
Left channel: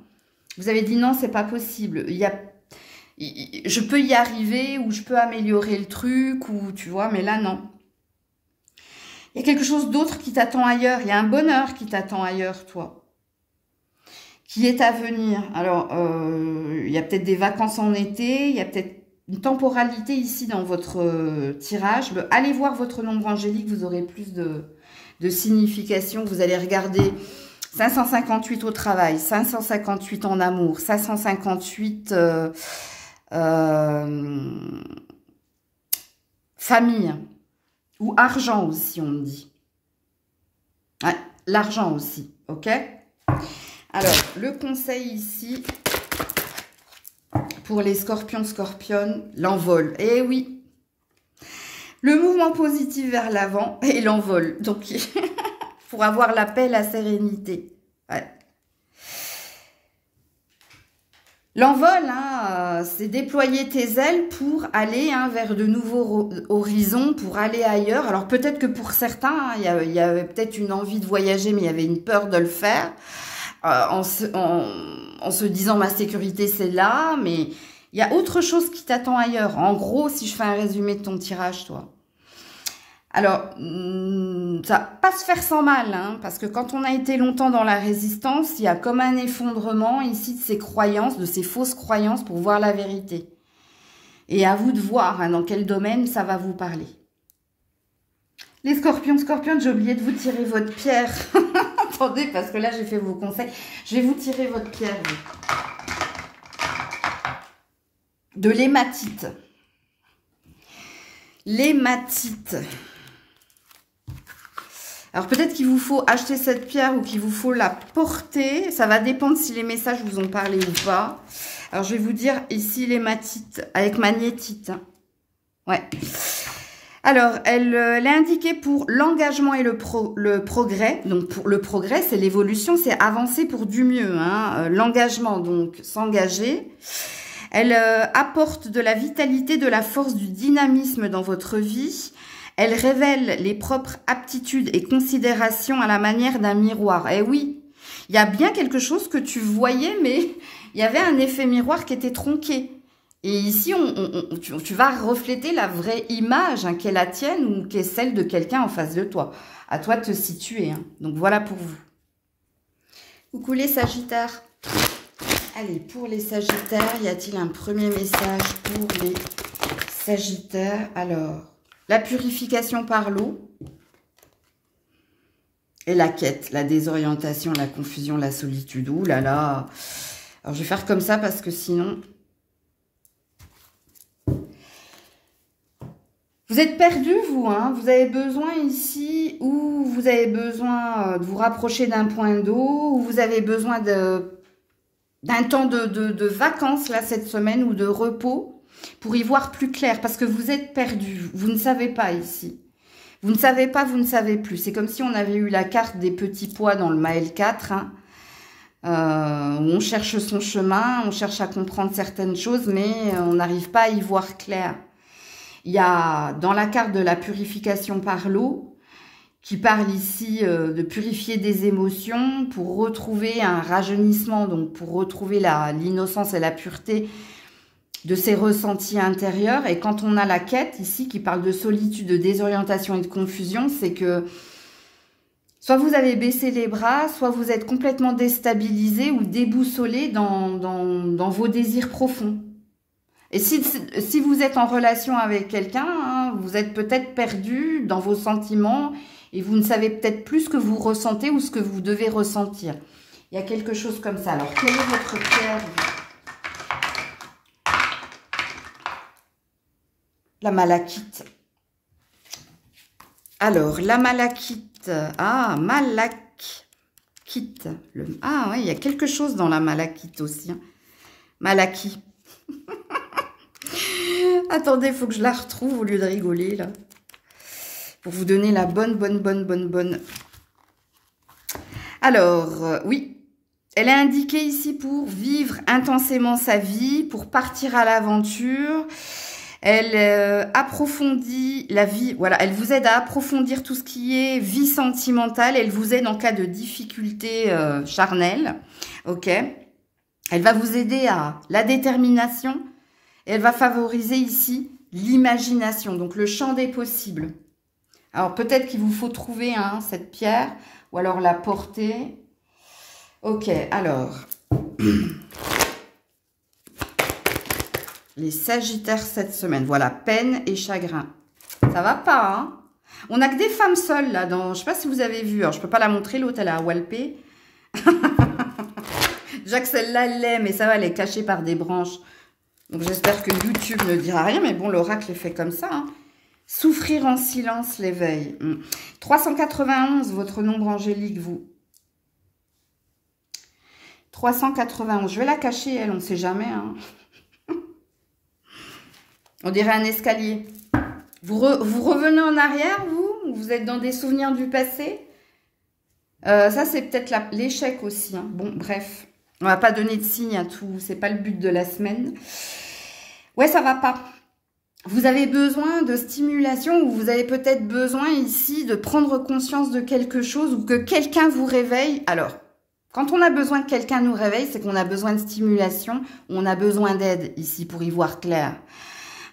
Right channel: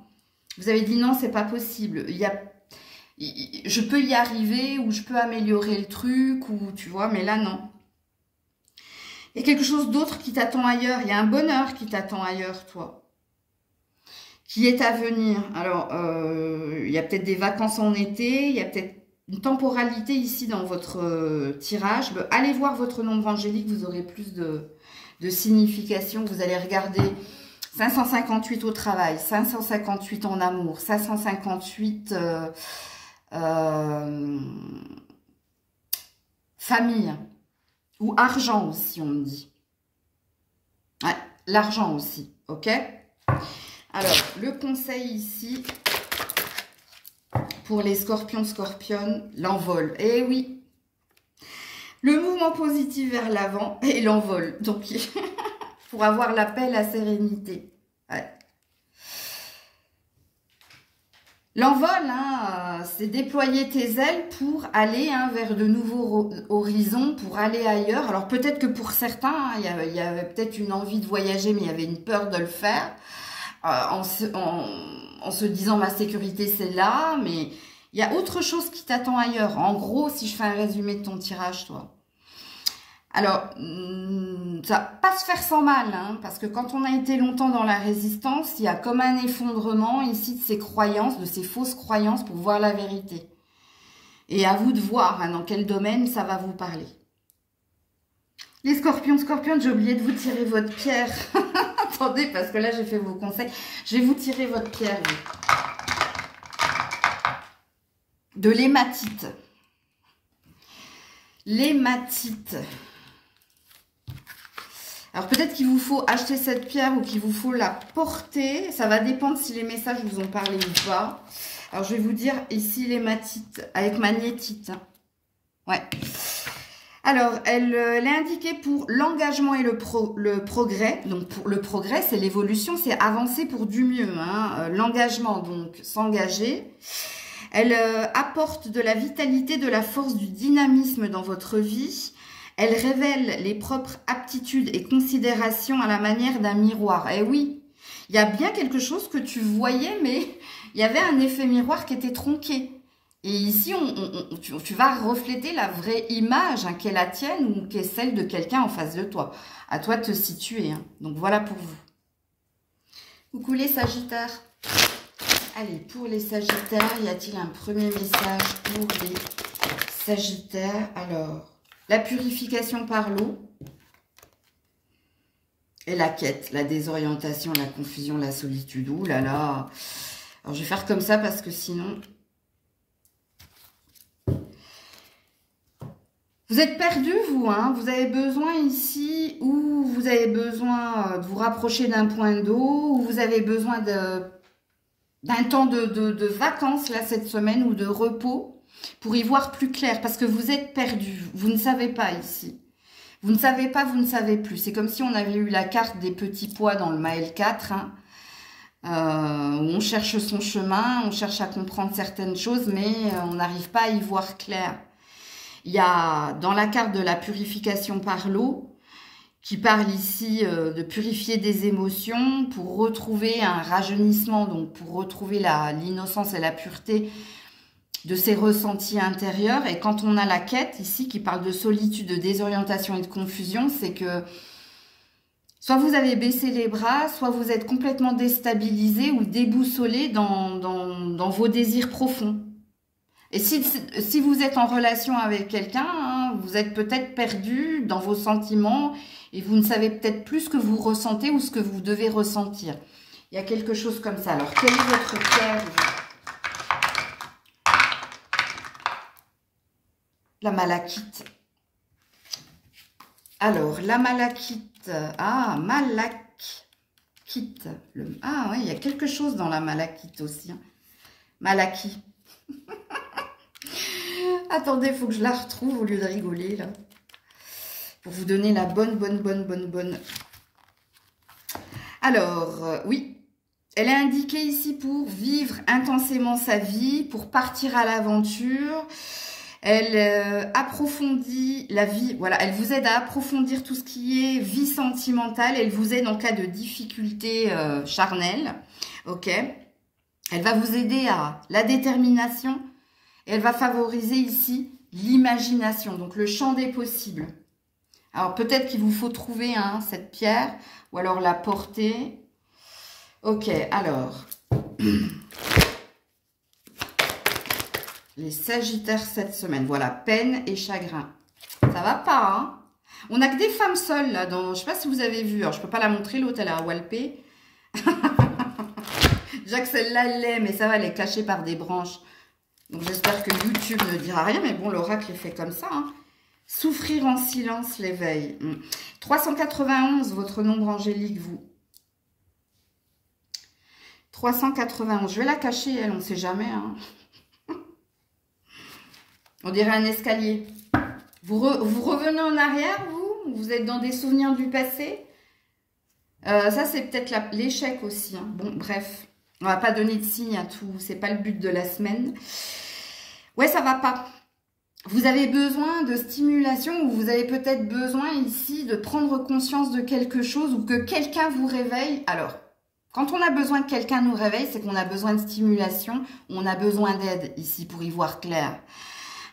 Vous avez dit non, c'est pas possible. Je peux y arriver ou je peux améliorer le truc ou tu vois, mais là non. Il y a quelque chose d'autre qui t'attend ailleurs. Il y a un bonheur qui t'attend ailleurs, toi, qui est à venir. Alors, il y a peut-être des vacances en été. Il y a peut-être une temporalité ici dans votre tirage. Allez voir votre nombre angélique. Vous aurez plus de signification. Vous allez regarder. 558 au travail, 558 en amour, 558 famille ou argent aussi, on me dit. Ouais, l'argent aussi, ok? Alors, le conseil ici pour les Scorpions, Scorpionnes, l'envol. Eh oui, le mouvement positif vers l'avant et l'envol. Donc, pour avoir la paix, la sérénité. Ouais. L'envol, hein, c'est déployer tes ailes pour aller hein, vers de nouveaux horizons, pour aller ailleurs. Alors peut-être que pour certains, hein, il y avait peut-être une envie de voyager, mais il y avait une peur de le faire. En se disant ma sécurité c'est là, mais il y a autre chose qui t'attend ailleurs. En gros, si je fais un résumé de ton tirage, toi. Alors, ça va pas se faire sans mal, hein, parce que quand on a été longtemps dans la résistance, il y a comme un effondrement ici de ces croyances, de ces fausses croyances pour voir la vérité. Et à vous de voir hein, dans quel domaine ça va vous parler. Les Scorpions, Scorpionnes, j'ai oublié de vous tirer votre pierre. Attendez, parce que là, j'ai fait vos conseils. Je vais vous tirer votre pierre. Oui. De l'hématite. L'hématite. Alors, peut-être qu'il vous faut acheter cette pierre ou qu'il vous faut la porter. Ça va dépendre si les messages vous ont parlé ou pas. Alors, je vais vous dire ici l'hématite avec magnétite. Ouais. Alors, elle est indiquée pour l'engagement et le progrès. Donc, pour le progrès, c'est l'évolution, c'est avancer pour du mieux. Hein. L'engagement, donc, s'engager. Elle apporte de la vitalité, de la force, du dynamisme dans votre vie. Elle révèle les propres aptitudes et considérations à la manière d'un miroir. Eh oui, il y a bien quelque chose que tu voyais, mais il y avait un effet miroir qui était tronqué. Et ici, tu vas refléter la vraie image, hein, qui est la tienne ou qui est celle de quelqu'un en face de toi. À toi de te situer. Hein. Donc, voilà pour vous. Coucou les Sagittaires. Allez, pour les Sagittaires, y a-t-il un premier message pour les Sagittaires? Alors, la purification par l'eau. Et la quête, la désorientation, la confusion, la solitude. Ouh là là. Alors, je vais faire comme ça parce que sinon... Vous êtes perdu, vous, hein. Vous avez besoin ici, ou vous avez besoin de vous rapprocher d'un point d'eau, ou vous avez besoin d'un temps de vacances, là, cette semaine, ou de repos, pour y voir plus clair, parce que vous êtes perdu. Vous ne savez pas ici. Vous ne savez pas, vous ne savez plus. C'est comme si on avait eu la carte des petits pois dans le Maël 4, hein, où on cherche son chemin, on cherche à comprendre certaines choses, mais on n'arrive pas à y voir clair. Il y a dans la carte de la purification par l'eau, qui parle ici de purifier des émotions pour retrouver un rajeunissement, donc pour retrouver l'innocence et la pureté de ses ressentis intérieurs. Et quand on a la quête ici qui parle de solitude, de désorientation et de confusion, c'est que soit vous avez baissé les bras, soit vous êtes complètement déstabilisé ou déboussolé dans vos désirs profonds. Et si vous êtes en relation avec quelqu'un, hein, vous êtes peut-être perdu dans vos sentiments et vous ne savez peut-être plus ce que vous ressentez ou ce que vous devez ressentir. Il y a quelque chose comme ça. Alors, quelle est votre pierre? La malachite. Alors, la malachite. Ah, malachite. Ah oui, il y a quelque chose dans la malachite aussi. Hein. Malachite. Attendez, il faut que je la retrouve au lieu de rigoler, là. Pour vous donner la bonne. Alors, oui. Elle est indiquée ici pour vivre intensément sa vie, pour partir à l'aventure. Elle approfondit la vie. Voilà, elle vous aide à approfondir tout ce qui est vie sentimentale. Elle vous aide en cas de difficulté charnelle. Ok. Elle va vous aider à la détermination. Elle va favoriser ici l'imagination, donc le champ des possibles. Alors, peut-être qu'il vous faut trouver cette pierre, ou alors la porter. Ok, alors. Les Sagittaires cette semaine. Voilà, peine et chagrin. Ça va pas, hein? On n'a que des femmes seules, là. Je ne sais pas si vous avez vu. Alors, je ne peux pas la montrer, l'autre, elle a walpé. Déjà que celle-là, elle l'est, mais ça va, elle est cachée par des branches. Donc, j'espère que YouTube ne dira rien. Mais bon, l'oracle est fait comme ça. Hein. Souffrir en silence l'éveil. 391, votre nombre angélique, vous. 391. Je vais la cacher, elle, on ne sait jamais. Hein. On dirait un escalier. Vous revenez en arrière, vous? Vous êtes dans des souvenirs du passé? Ça, c'est peut-être l'échec aussi. Hein. Bon, bref. On va pas donner de signe à tout. C'est pas le but de la semaine. Ouais, ça va pas. Vous avez besoin de stimulation ou vous avez peut-être besoin ici de prendre conscience de quelque chose ou que quelqu'un vous réveille. Alors, quand on a besoin que quelqu'un nous réveille, c'est qu'on a besoin de stimulation, on a besoin d'aide ici pour y voir clair.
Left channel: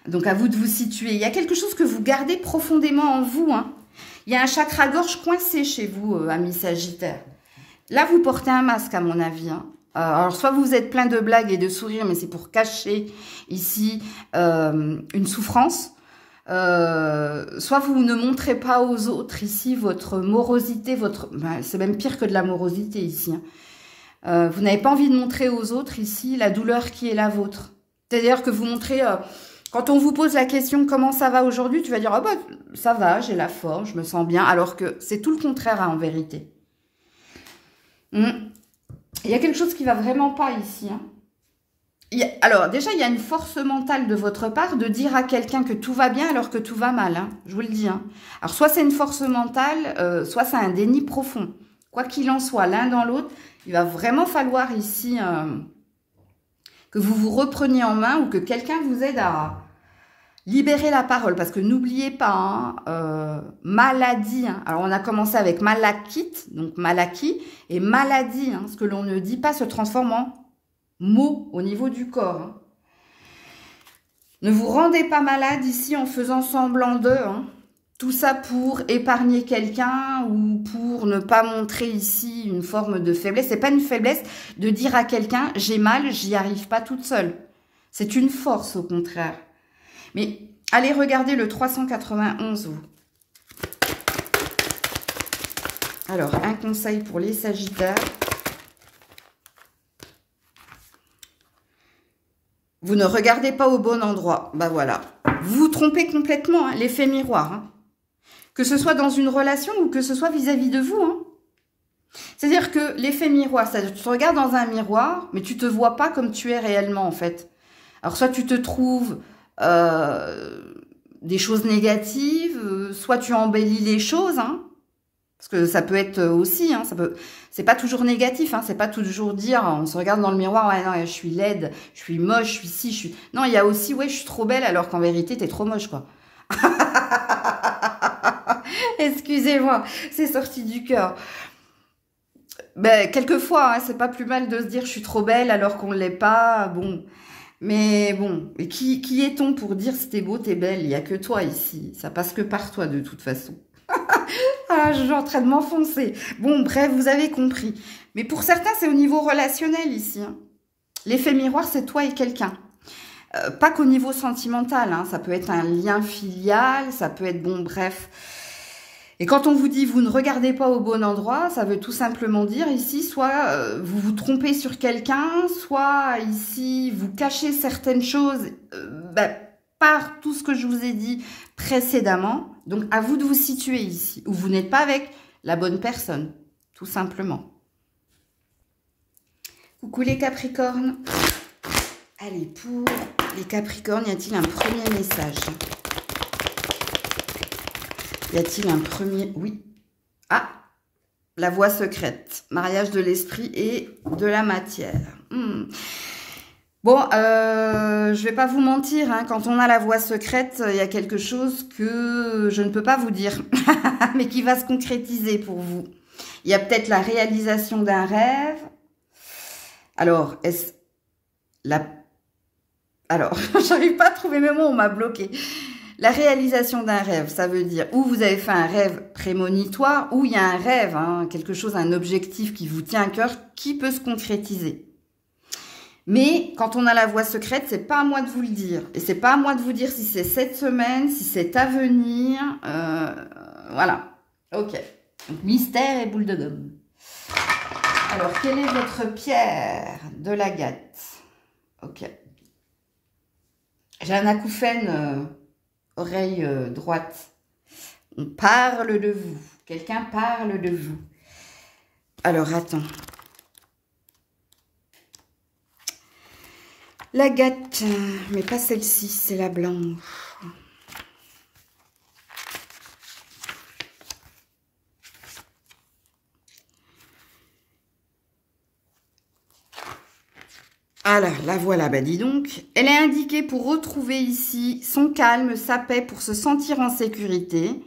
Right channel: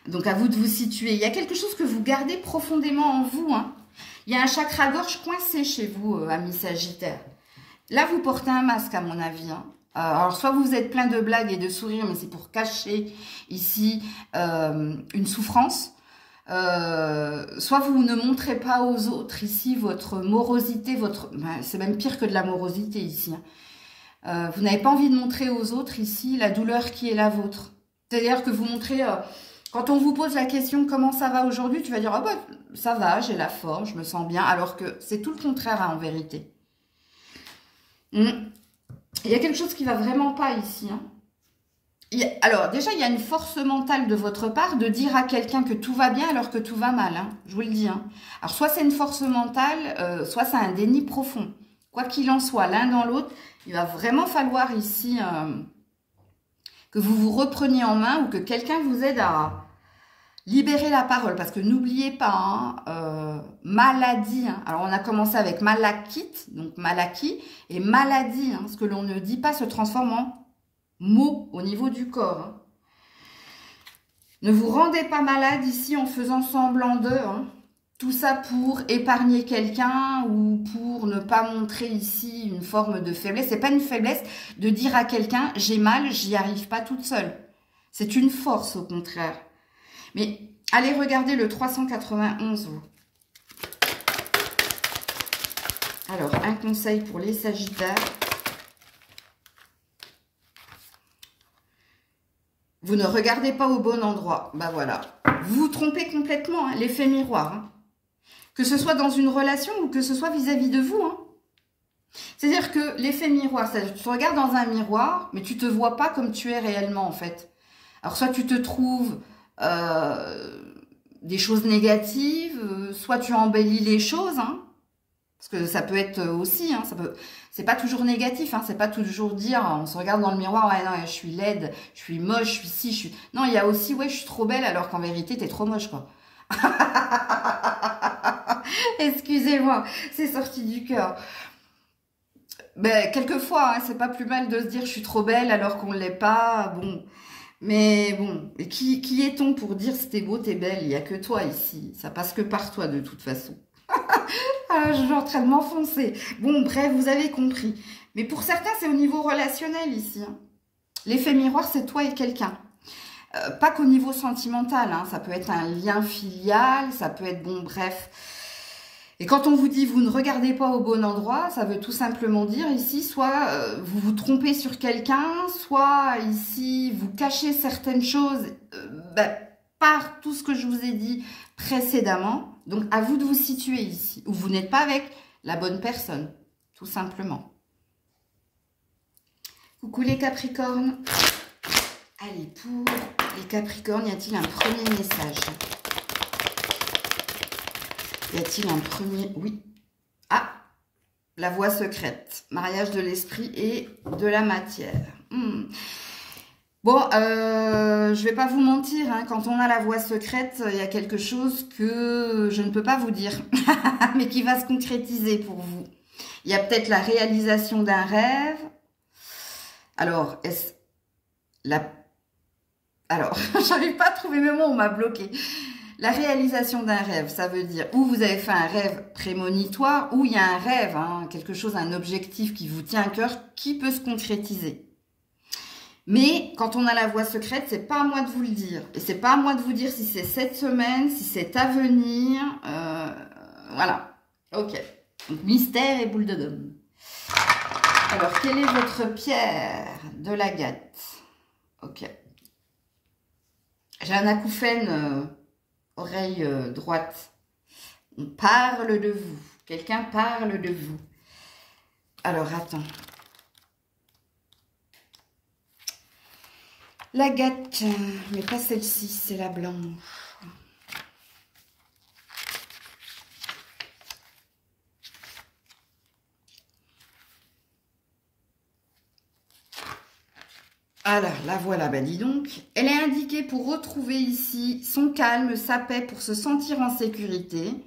Donc, à vous de vous situer. Il y a quelque chose que vous gardez profondément en vous. Hein. Il y a un chakra-gorge coincé chez vous, amis Sagittaires. Là, vous portez un masque, à mon avis. Hein. Alors, soit vous êtes plein de blagues et de sourires, mais c'est pour cacher ici une souffrance. Soit vous ne montrez pas aux autres ici votre morosité, c'est même pire que de la morosité ici. Hein. Vous n'avez pas envie de montrer aux autres ici la douleur qui est la vôtre. C'est-à-dire que vous montrez... Quand on vous pose la question « Comment ça va aujourd'hui ?» Tu vas dire « Ah bah, ça va, j'ai la forme, je me sens bien. » Alors que c'est tout le contraire hein, en vérité. Il y a quelque chose qui va vraiment pas ici. Hein. Alors déjà, il y a une force mentale de votre part de dire à quelqu'un que tout va bien alors que tout va mal. Hein, je vous le dis. Hein. Alors soit c'est une force mentale, soit c'est un déni profond. Quoi qu'il en soit, l'un dans l'autre, il va vraiment falloir ici... que vous vous repreniez en main ou que quelqu'un vous aide à libérer la parole. Parce que n'oubliez pas, hein, maladie. Hein. Alors, on a commencé avec malachite, donc malaki, et maladie. Hein, ce que l'on ne dit pas se transforme en mot au niveau du corps. Hein. Ne vous rendez pas malade ici en faisant semblant d'eux, hein. Tout ça pour épargner quelqu'un ou pour ne pas montrer ici une forme de faiblesse. C'est pas une faiblesse de dire à quelqu'un « j'ai mal, j'y arrive pas toute seule ». C'est une force au contraire. Mais allez regarder le 391, vous. Alors, un conseil pour les Sagittaires. Vous ne regardez pas au bon endroit. Ben voilà. Vous vous trompez complètement, hein, l'effet miroir. Hein. Que ce soit dans une relation ou que ce soit vis-à-vis de vous. Hein. C'est-à-dire que l'effet miroir, c'est-à-dire que tu te regardes dans un miroir, mais tu ne te vois pas comme tu es réellement, en fait. Alors, soit tu te trouves des choses négatives, soit tu embellis les choses, hein, parce que ça peut être aussi, hein, c'est pas toujours négatif, hein, c'est pas toujours dire, on se regarde dans le miroir, ouais, non, je suis laide, je suis moche, je suis ci, je suis... Non, il y a aussi, ouais, je suis trop belle, alors qu'en vérité, t'es trop moche, quoi. Excusez-moi, c'est sorti du cœur. Ben, quelquefois, hein, c'est pas plus mal de se dire, je suis trop belle, alors qu'on ne l'est pas, bon... Mais bon, qui est-on pour dire si t'es beau, t'es belle? Il n'y a que toi ici. Ça passe que par toi de toute façon. Ah, je suis en train de m'enfoncer. Bon, bref, vous avez compris. Mais pour certains, c'est au niveau relationnel ici. Hein. L'effet miroir, c'est toi et quelqu'un. Pas qu'au niveau sentimental. Hein. Ça peut être un lien filial, ça peut être, bon, bref... Et quand on vous dit vous ne regardez pas au bon endroit, ça veut tout simplement dire ici, soit vous vous trompez sur quelqu'un, soit ici vous cachez certaines choses par tout ce que je vous ai dit précédemment. Donc à vous de vous situer ici, où vous n'êtes pas avec la bonne personne, tout simplement. Coucou les Capricornes. Allez, pour les Capricornes, y a-t-il un premier message ? Y a-t-il un premier... Oui. Ah, la voie secrète. Mariage de l'esprit et de la matière. Bon, je vais pas vous mentir. Hein, quand on a la voie secrète, il y a quelque chose que je ne peux pas vous dire. Mais qui va se concrétiser pour vous. Il y a peut-être la réalisation d'un rêve. Alors, est-ce... Alors, j'arrive pas à trouver mes mots, on m'a bloqué. La réalisation d'un rêve, ça veut dire ou vous avez fait un rêve prémonitoire, ou il y a un rêve, hein, quelque chose, un objectif qui vous tient à cœur, qui peut se concrétiser. Mais quand on a la voie secrète, c'est pas à moi de vous le dire. Et c'est pas à moi de vous dire si c'est cette semaine, si c'est à venir. Voilà. Ok. Donc, mystère et boule de gomme. Alors, quelle est votre pierre de l'agate? Ok. J'ai un acouphène... oreille droite. On parle de vous. Quelqu'un parle de vous. Alors, attends. L'agate, mais pas celle-ci, c'est la blanche. Ah là, la voilà, bah dis donc. Elle est indiquée pour retrouver ici son calme, sa paix, pour se sentir en sécurité.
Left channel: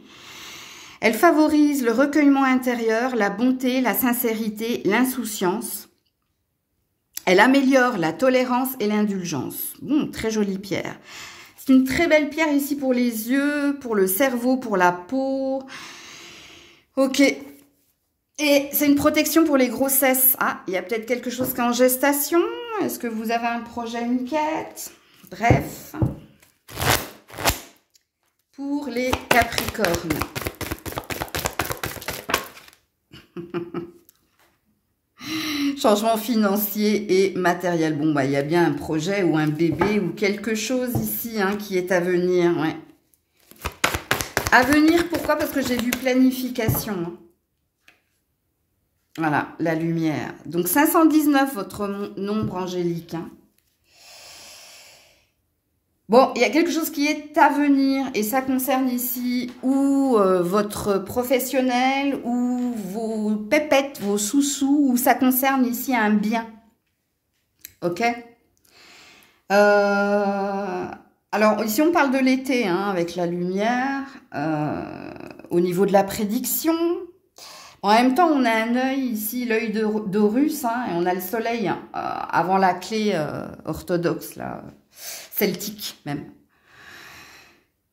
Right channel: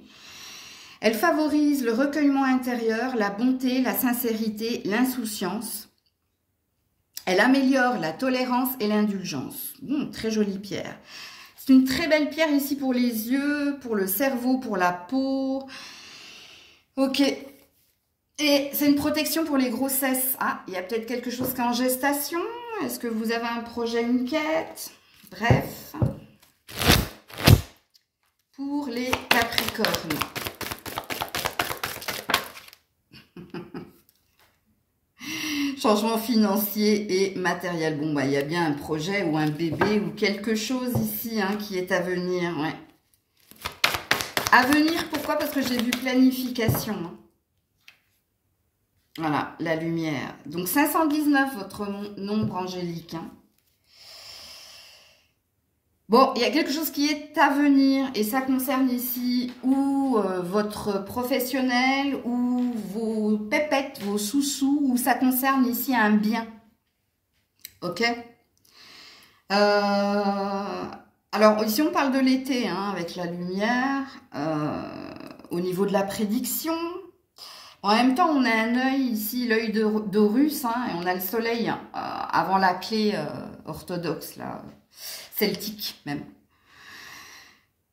Elle favorise le recueillement intérieur, la bonté, la sincérité, l'insouciance. Elle améliore la tolérance et l'indulgence. Bon, très jolie pierre. C'est une très belle pierre ici pour les yeux, pour le cerveau, pour la peau. Ok. Et c'est une protection pour les grossesses. Ah, il y a peut-être quelque chose qui est en gestation. Est-ce que vous avez un projet, une quête? Bref. Pour les Capricornes. Changement financier et matériel. Bon, bah, il y a bien un projet ou un bébé ou quelque chose ici hein, qui est à venir. Ouais. À venir, pourquoi? Parce que j'ai vu planification. Hein. Voilà, la lumière. Donc, 519, votre nombre angélique. Hein. Bon, il y a quelque chose qui est à venir et ça concerne ici ou votre professionnel ou vos pépettes, vos sous-sous, ou ça concerne ici un bien. Ok? Alors, ici, on parle de l'été hein, avec la lumière. Au niveau de la prédiction... En même temps, on a un œil ici, l'œil d'Horus, hein, et on a le soleil avant la clé orthodoxe, là, celtique même.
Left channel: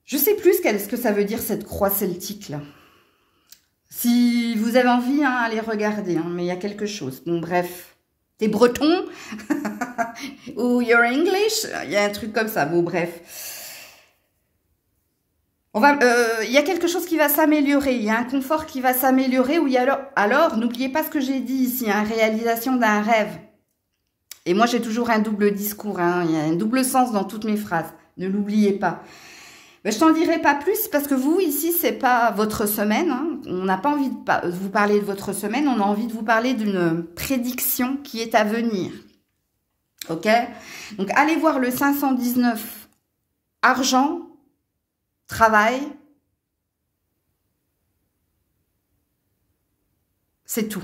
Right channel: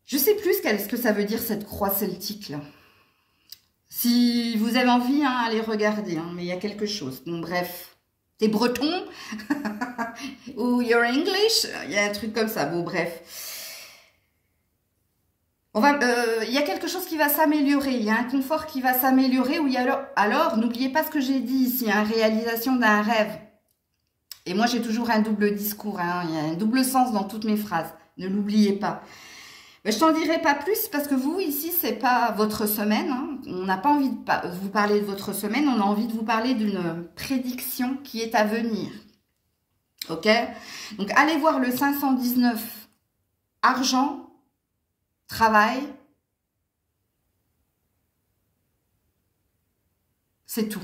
Je sais plus ce que ça veut dire cette croix celtique là. Si vous avez envie, hein, allez regarder, hein, mais il y a quelque chose. Bon, bref. T'es breton ou you're English, il y a un truc comme ça. Bon, bref. Il y a quelque chose qui va s'améliorer, il y a un confort qui va s'améliorer. Alors n'oubliez pas ce que j'ai dit ici, hein, réalisation d'un rêve. Et moi, j'ai toujours un double discours, hein, il y a un double sens dans toutes mes phrases. Ne l'oubliez pas. Mais je t'en dirai pas plus parce que vous, ici, c'est pas votre semaine. Hein. On n'a pas envie de vous parler de votre semaine, on a envie de vous parler d'une prédiction qui est à venir. Ok? Donc, allez voir le 519 argent, travail. C'est tout.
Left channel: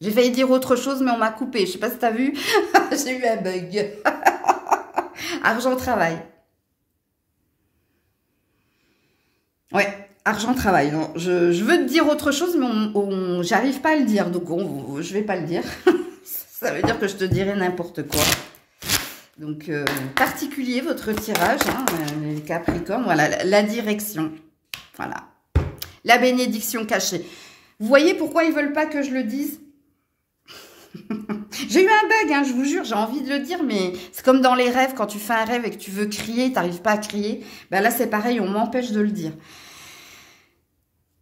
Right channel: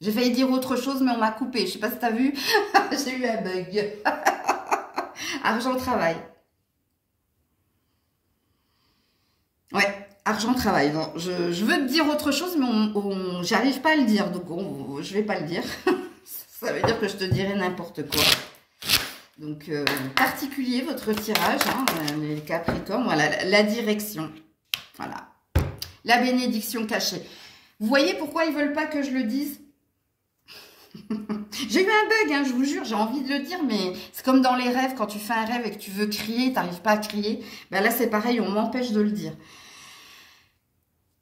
J'ai failli dire autre chose, mais on m'a coupé. Je sais pas si tu as vu. J'ai eu un bug. Argent, travail. Ouais, argent, travail. Non, je veux te dire autre chose, mais j'arrive pas à le dire. Donc, je vais pas le dire. Ça veut dire que je te dirai n'importe quoi. Donc, particulier votre tirage, hein, les Capricornes. Voilà, la direction. Voilà. La bénédiction cachée. Vous voyez pourquoi ils veulent pas que je le dise? J'ai eu un bug, hein, je vous jure, j'ai envie de le dire, mais c'est comme dans les rêves, quand tu fais un rêve et que tu veux crier, tu n'arrives pas à crier. Ben là, c'est pareil, on m'empêche de le dire.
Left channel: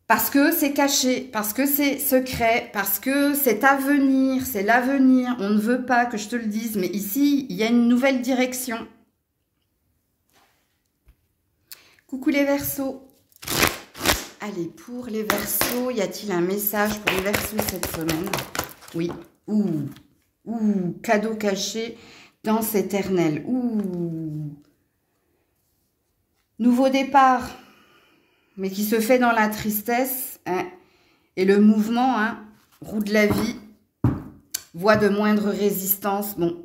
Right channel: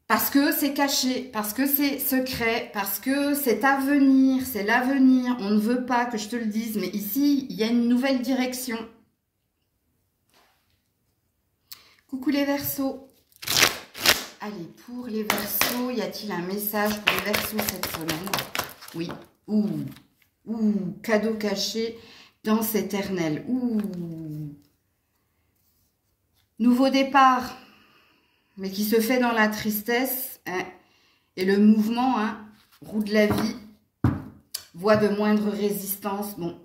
Parce que c'est caché, parce que c'est secret, parce que c'est à venir, c'est l'avenir. On ne veut pas que je te le dise, mais ici, il y a une nouvelle direction. Coucou les Verseaux. Allez, pour les Verseaux, y a-t-il un message pour les Verseaux cette semaine? Oui. Ouh, cadeau caché, danse éternelle. Ouh. Nouveau départ, mais qui se fait dans la tristesse. Hein, et le mouvement, hein, roue de la vie, voie de moindre résistance. Bon.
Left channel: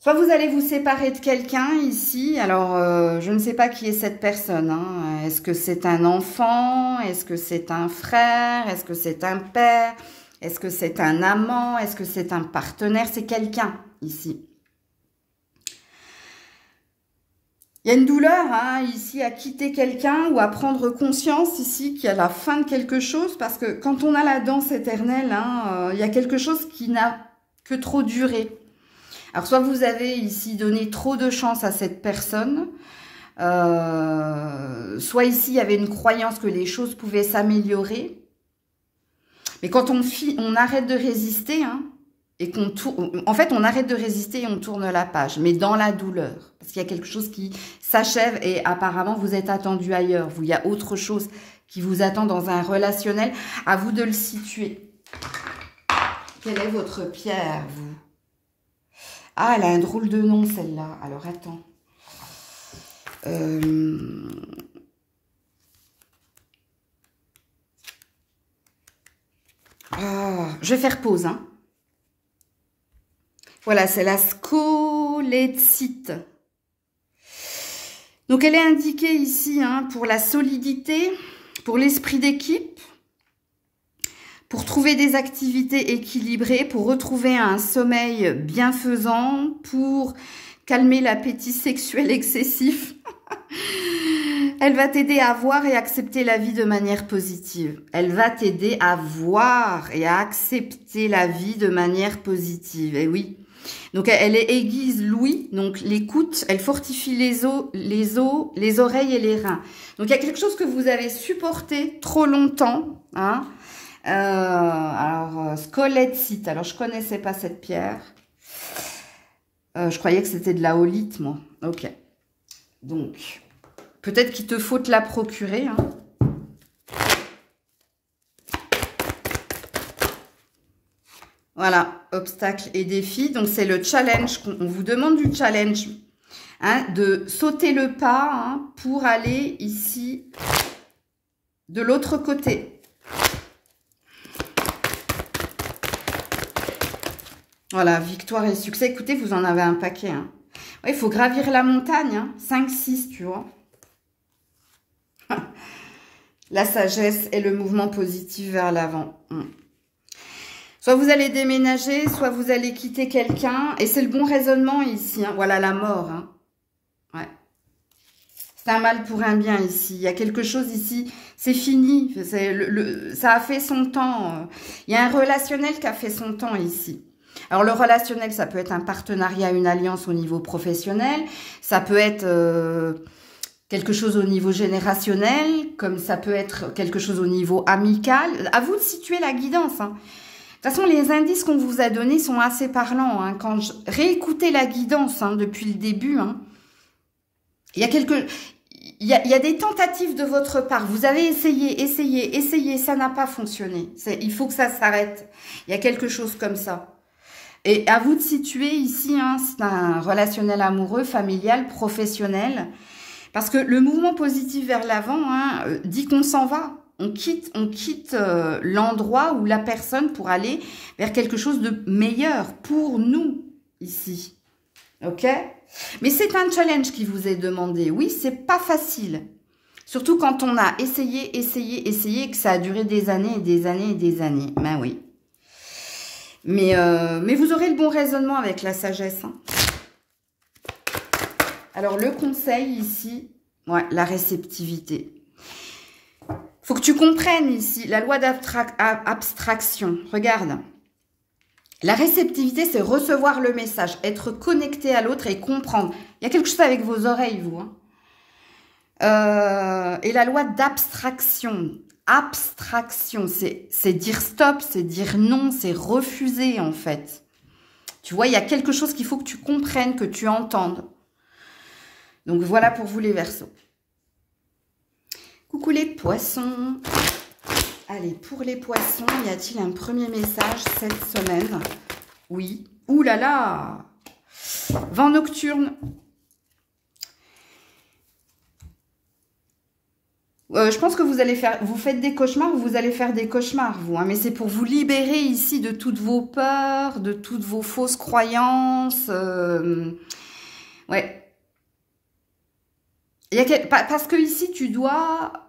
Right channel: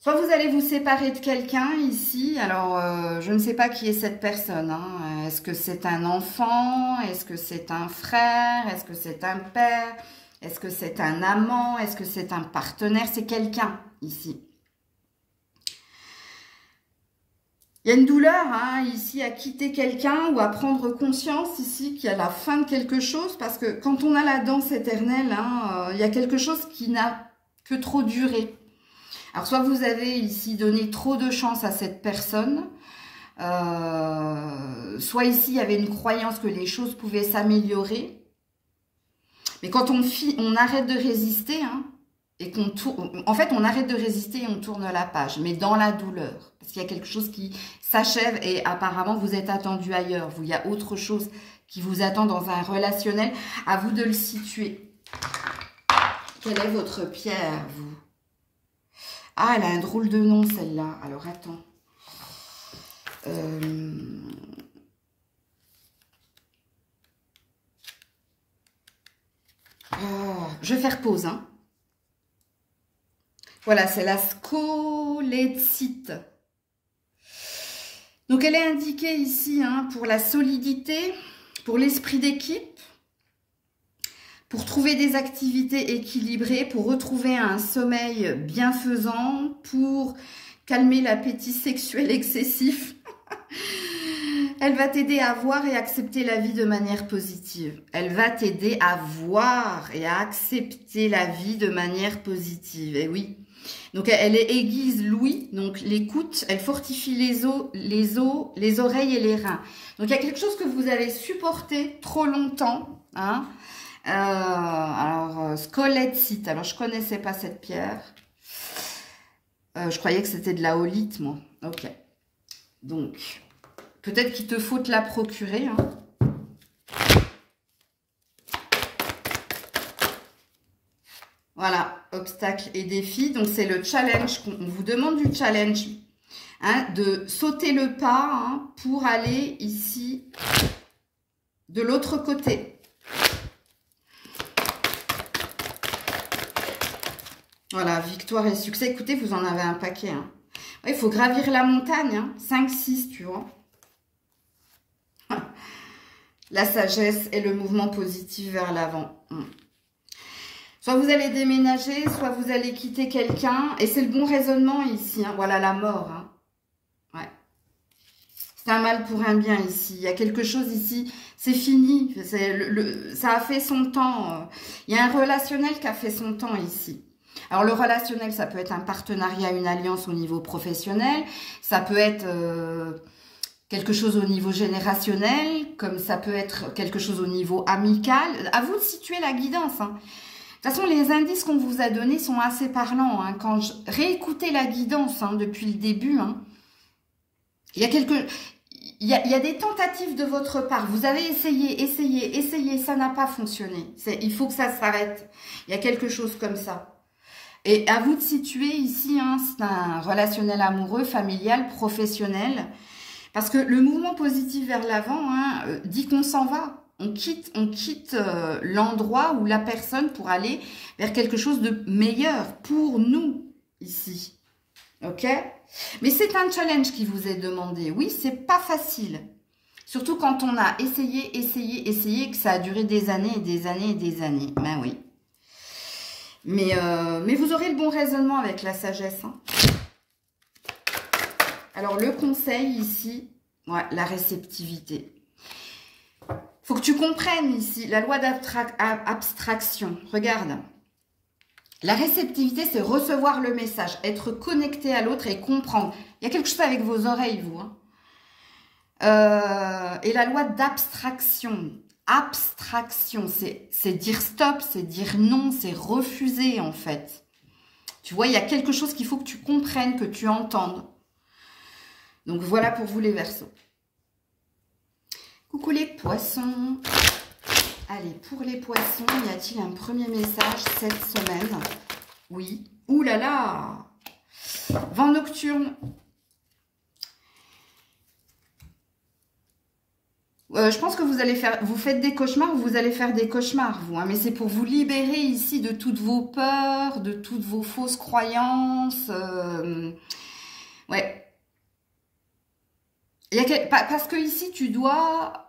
Soit vous allez vous séparer de quelqu'un ici. Alors, je ne sais pas qui est cette personne. Hein. Est-ce que c'est un enfant? Est-ce que c'est un frère? Est-ce que c'est un père? Est-ce que c'est un amant? Est-ce que c'est un partenaire? C'est quelqu'un ici. Il y a une douleur hein, ici à quitter quelqu'un ou à prendre conscience ici qu'il y a la fin de quelque chose. Parce que quand on a la danse éternelle, hein, il y a quelque chose qui n'a que trop duré. Alors soit vous avez ici donné trop de chance à cette personne. Soit ici il y avait une croyance que les choses pouvaient s'améliorer. Mais quand on arrête de résister, hein, et qu'on tourne, en fait, on arrête de résister et on tourne la page, mais dans la douleur. Parce qu'il y a quelque chose qui s'achève et apparemment, vous êtes attendu ailleurs. Il y a autre chose qui vous attend dans un relationnel. À vous de le situer. Quelle est votre pierre, vous? Ah, elle a un drôle de nom, celle-là. Alors, attends. Je vais faire pause. Hein. Voilà, c'est la scolétite. Donc, elle est indiquée ici hein, pour la solidité, pour l'esprit d'équipe, pour trouver des activités équilibrées, pour retrouver un sommeil bienfaisant, pour calmer l'appétit sexuel excessif. Elle va t'aider à voir et accepter la vie de manière positive. Elle va t'aider à voir et à accepter la vie de manière positive. Et oui. Donc, elle est aiguise l'ouïe, donc l'écoute, elle fortifie les oreilles et les reins. Donc, il y a quelque chose que vous avez supporté trop longtemps. Hein. Alors, scolétite. Alors, je connaissais pas cette pierre. Je croyais que c'était de la holite, moi. Ok. Donc... peut-être qu'il te faut te la procurer. Hein. Voilà, obstacles et défis. Donc, c'est le challenge. On vous demande du challenge. Hein, de sauter le pas hein, pour aller ici, de l'autre côté. Voilà, victoire et succès. Écoutez, vous en avez un paquet. Hein. Ouais, il faut gravir la montagne. Hein. 5, 6, tu vois. La sagesse et le mouvement positif vers l'avant. Soit vous allez déménager, soit vous allez quitter quelqu'un. Et c'est le bon raisonnement ici. Hein. Voilà la mort. Hein. Ouais. C'est un mal pour un bien ici. Il y a quelque chose ici, c'est fini. Ça a fait son temps. Il y a un relationnel qui a fait son temps ici. Alors le relationnel, ça peut être un partenariat, une alliance au niveau professionnel. Ça peut être quelque chose au niveau générationnel, comme ça peut être quelque chose au niveau amical. À vous de situer la guidance. Hein. De toute façon, les indices qu'on vous a donnés sont assez parlants. Hein. Quand je réécoutez la guidance depuis le début, il y a des tentatives de votre part. Vous avez essayé, ça n'a pas fonctionné. Il faut que ça s'arrête. Il y a quelque chose comme ça. Et à vous de situer ici, c'est un relationnel amoureux, familial, professionnel. Parce que le mouvement positif vers l'avant dit qu'on s'en va. On quitte l'endroit ou la personne pour aller vers quelque chose de meilleur pour nous ici. Ok ? Mais c'est un challenge qui vous est demandé. Oui, c'est pas facile. Surtout quand on a essayé, et que ça a duré des années et des années et des années. Ben oui. Mais vous aurez le bon raisonnement avec la sagesse. Hein. Alors, le conseil ici, ouais, la réceptivité. Faut que tu comprennes ici la loi d'abstraction. Regarde. La réceptivité, c'est recevoir le message, être connecté à l'autre et comprendre. Il y a quelque chose avec vos oreilles, vous. Hein. Et la loi d'abstraction. Abstraction, c'est dire stop, c'est dire non, c'est refuser, en fait. Tu vois, il y a quelque chose qu'il faut que tu comprennes, que tu entendes. Donc, voilà pour vous les Verseaux. Coucou les poissons. Allez, pour les poissons, y a-t-il un premier message cette semaine? Oui. Ouh là là! Vent nocturne. Je pense que vous faites des cauchemars, vous allez faire des cauchemars, vous. Hein, mais c'est pour vous libérer ici de toutes vos peurs, de toutes vos fausses croyances. Ouais. Parce que ici, tu dois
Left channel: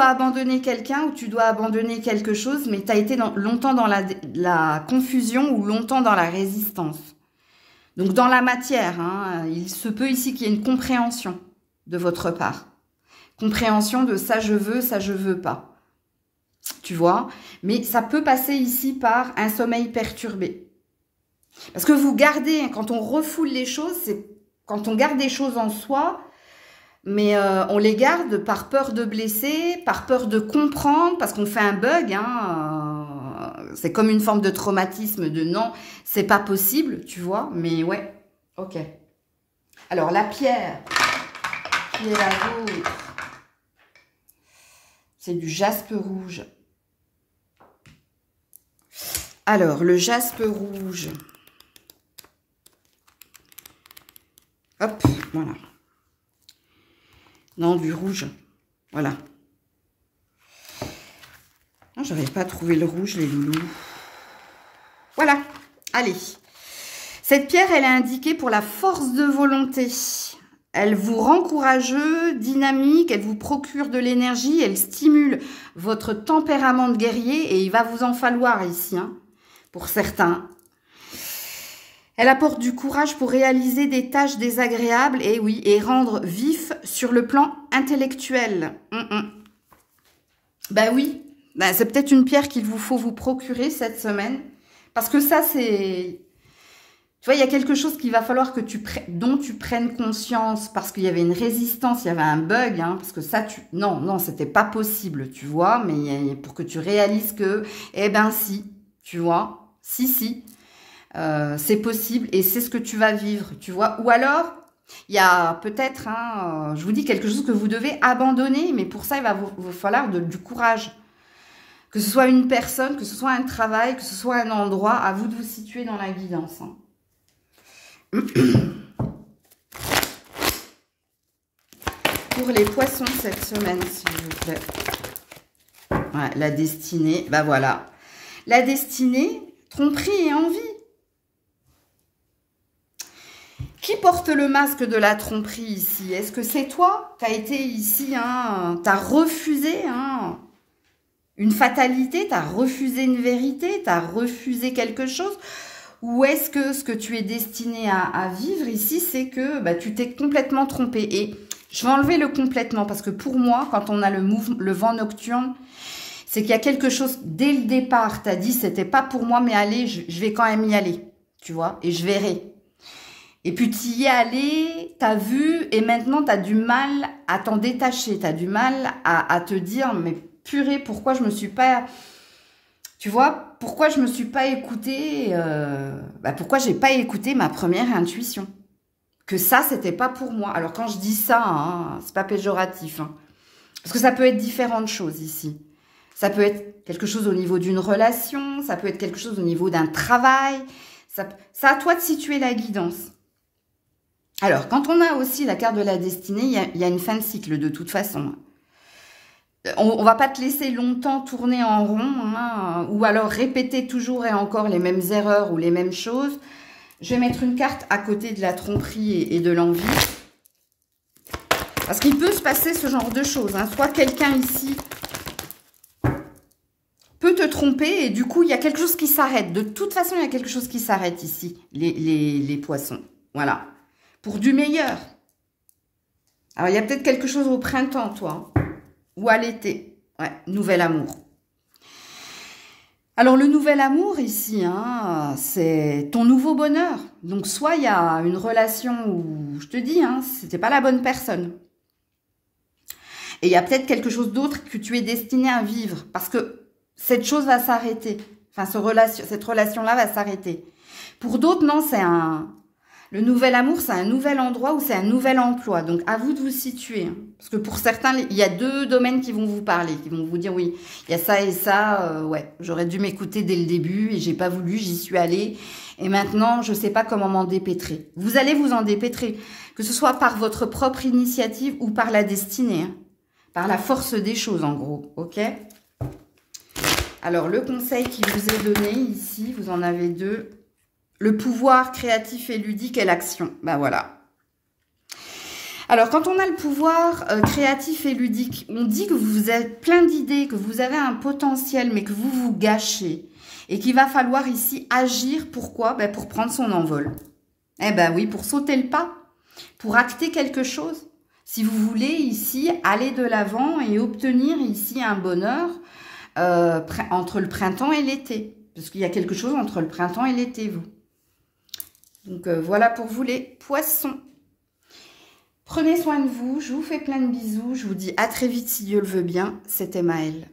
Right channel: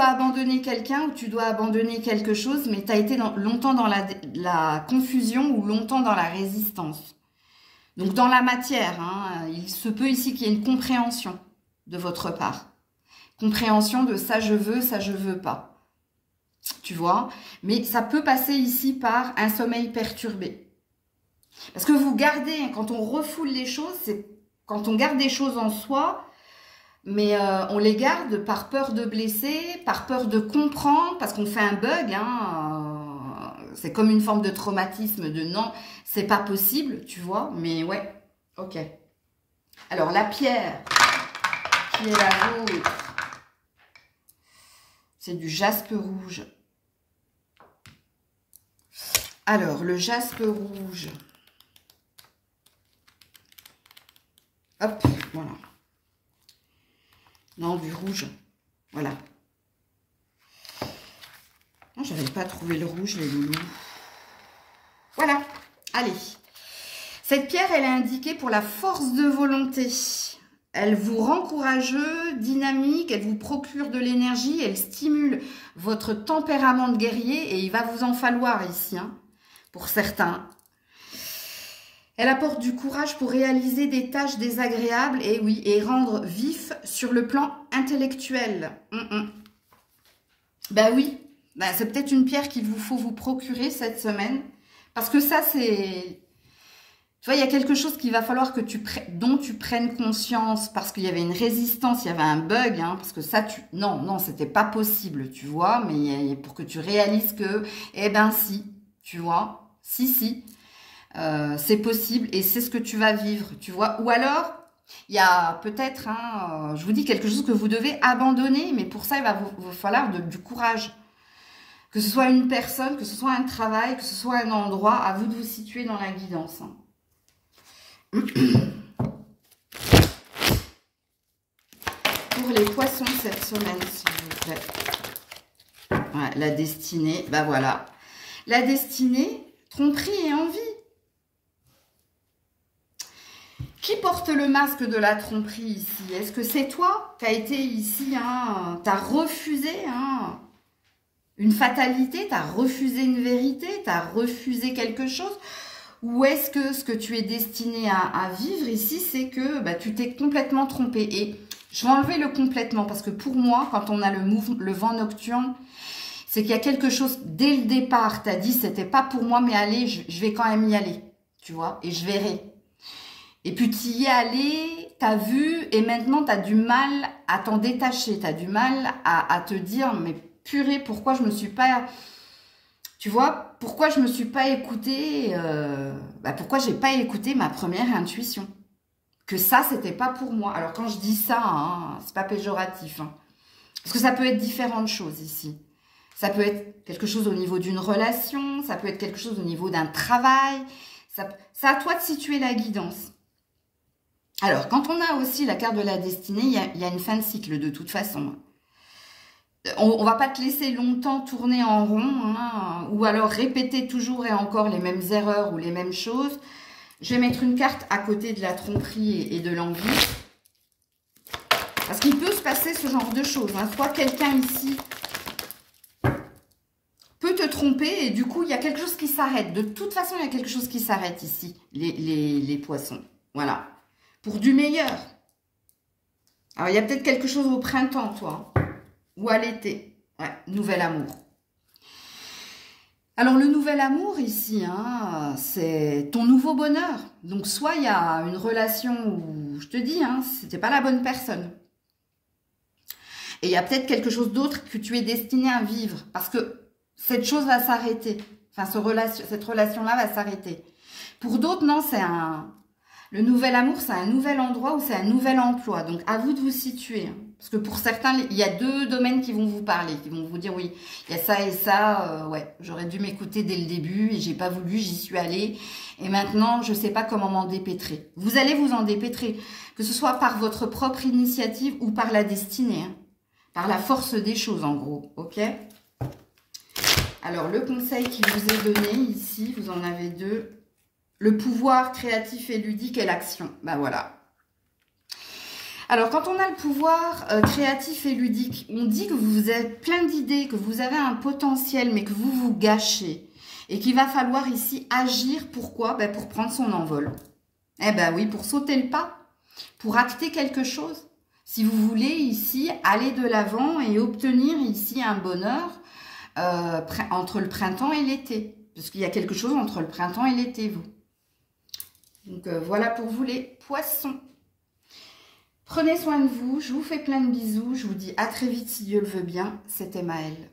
abandonner quelqu'un, ou tu dois abandonner quelque chose, mais tu as été longtemps dans la confusion ou longtemps dans la résistance. Donc, dans la matière, hein, il se peut ici qu'il y ait une compréhension de votre part. Compréhension de ça je veux pas. Tu vois? Mais ça peut passer ici par un sommeil perturbé. Parce que vous gardez, quand on refoule les choses, c'est quand on garde des choses en soi, mais on les garde par peur de blesser, par peur de comprendre, parce qu'on fait un bug. Hein, c'est comme une forme de traumatisme de non, c'est pas possible, tu vois. Mais ouais, ok. Alors, la pierre qui est la vôtre, c'est du jaspe rouge. Alors, le jaspe rouge. Hop, voilà. Non, du rouge. Voilà. Non, j'arrive pas à trouver le rouge, les loulous. Voilà. Allez. Cette pierre, elle est indiquée pour la force de volonté. Elle vous rend courageux, dynamique, elle vous procure de l'énergie, elle stimule votre tempérament de guerrier et il va vous en falloir ici, hein, pour certains. Elle apporte du courage pour réaliser des tâches désagréables et oui, et rendre vif sur le plan intellectuel. Ben oui, ben c'est peut-être une pierre qu'il vous faut vous procurer cette semaine. Parce que ça, c'est... Tu vois, il y a quelque chose qu'il va falloir que dont tu prennes conscience parce qu'il y avait une résistance, il y avait un bug, hein, parce que ça, non, c'était pas possible, tu vois, mais pour que tu réalises que, eh ben si, tu vois, si. C'est possible et c'est ce que tu vas vivre, tu vois. Ou alors, il y a peut-être, je vous dis, quelque chose que vous devez abandonner, mais pour ça, il va vous falloir du courage. Que ce soit une personne, que ce soit un travail, que ce soit un endroit, à vous de vous situer dans la guidance. Hein. Pour les poissons cette semaine, s'il vous plaît. Voilà, la destinée, bah voilà. La destinée, tromperie et envie. Qui porte le masque de la tromperie ici? Est-ce que c'est toi qui as été ici, hein, tu as refusé une fatalité, tu as refusé une vérité, tu as refusé quelque chose? Ou est-ce que ce que tu es destiné à vivre ici, c'est que bah, tu t'es complètement trompé? Et Je vais enlever le complètement parce que pour moi, quand on a le vent nocturne, c'est qu'il y a quelque chose, dès le départ, tu as dit, c'était pas pour moi, mais allez, je vais quand même y aller, tu vois, et je verrai. Et puis tu y es allé, tu as vu, et maintenant tu as du mal à t'en détacher, tu as du mal à te dire, mais purée, pourquoi je me suis pas, tu vois, pourquoi je me suis pas écoutée, pourquoi j'ai pas écouté ma première intuition, que ça, c'était pas pour moi. Alors quand je dis ça, hein, c'est pas péjoratif, hein, parce que ça peut être différentes choses ici. Ça peut être quelque chose au niveau d'une relation, ça peut être quelque chose au niveau d'un travail. C'est à toi de situer la guidance. Alors, quand on a aussi la carte de la destinée, il y a une fin de cycle de toute façon. On ne va pas te laisser longtemps tourner en rond, hein, ou alors répéter toujours et encore les mêmes erreurs ou les mêmes choses. Je vais mettre une carte à côté de la tromperie et de l'envie. Parce qu'il peut se passer ce genre de choses. Hein. Soit quelqu'un ici peut te tromper et du coup, il y a quelque chose qui s'arrête. De toute façon, il y a quelque chose qui s'arrête ici, les poissons. Voilà. Pour du meilleur. Alors, il y a peut-être quelque chose au printemps, toi. Ou à l'été. Ouais, nouvel amour. Alors, le nouvel amour ici, hein, c'est ton nouveau bonheur. Donc, soit il y a une relation où, je te dis, hein, c'était pas la bonne personne. Et il y a peut-être quelque chose d'autre que tu es destiné à vivre. Parce que cette chose va s'arrêter. Enfin, cette relation-là va s'arrêter. Pour d'autres, non, c'est le nouvel amour, c'est un nouvel endroit ou c'est un nouvel emploi. Donc, à vous de vous situer. Hein. Parce que pour certains, il y a deux domaines qui vont vous parler, qui vont vous dire, oui, il y a ça et ça. Ouais, j'aurais dû m'écouter dès le début et j'ai pas voulu, j'y suis allée. Et maintenant, je sais pas comment m'en dépêtrer. Vous allez vous en dépêtrer, que ce soit par votre propre initiative ou par la destinée. Hein. Par la force des choses, en gros. Ok ? Alors, le conseil qui vous est donné ici, vous en avez deux. Le pouvoir créatif et ludique et l'action. Ben voilà. Alors, quand on a le pouvoir créatif et ludique, on dit que vous êtes plein d'idées, que vous avez un potentiel, mais que vous vous gâchez. Et qu'il va falloir ici agir. Pourquoi? Ben pour prendre son envol. Eh ben oui, pour sauter le pas. Pour acter quelque chose. Si vous voulez ici aller de l'avant et obtenir ici un bonheur entre le printemps et l'été. Parce qu'il y a quelque chose entre le printemps et l'été, vous. Donc, voilà pour vous les poissons. Prenez soin de vous. Je vous fais plein de bisous. Je vous dis à très vite si Dieu le veut bien. C'était Maëlle.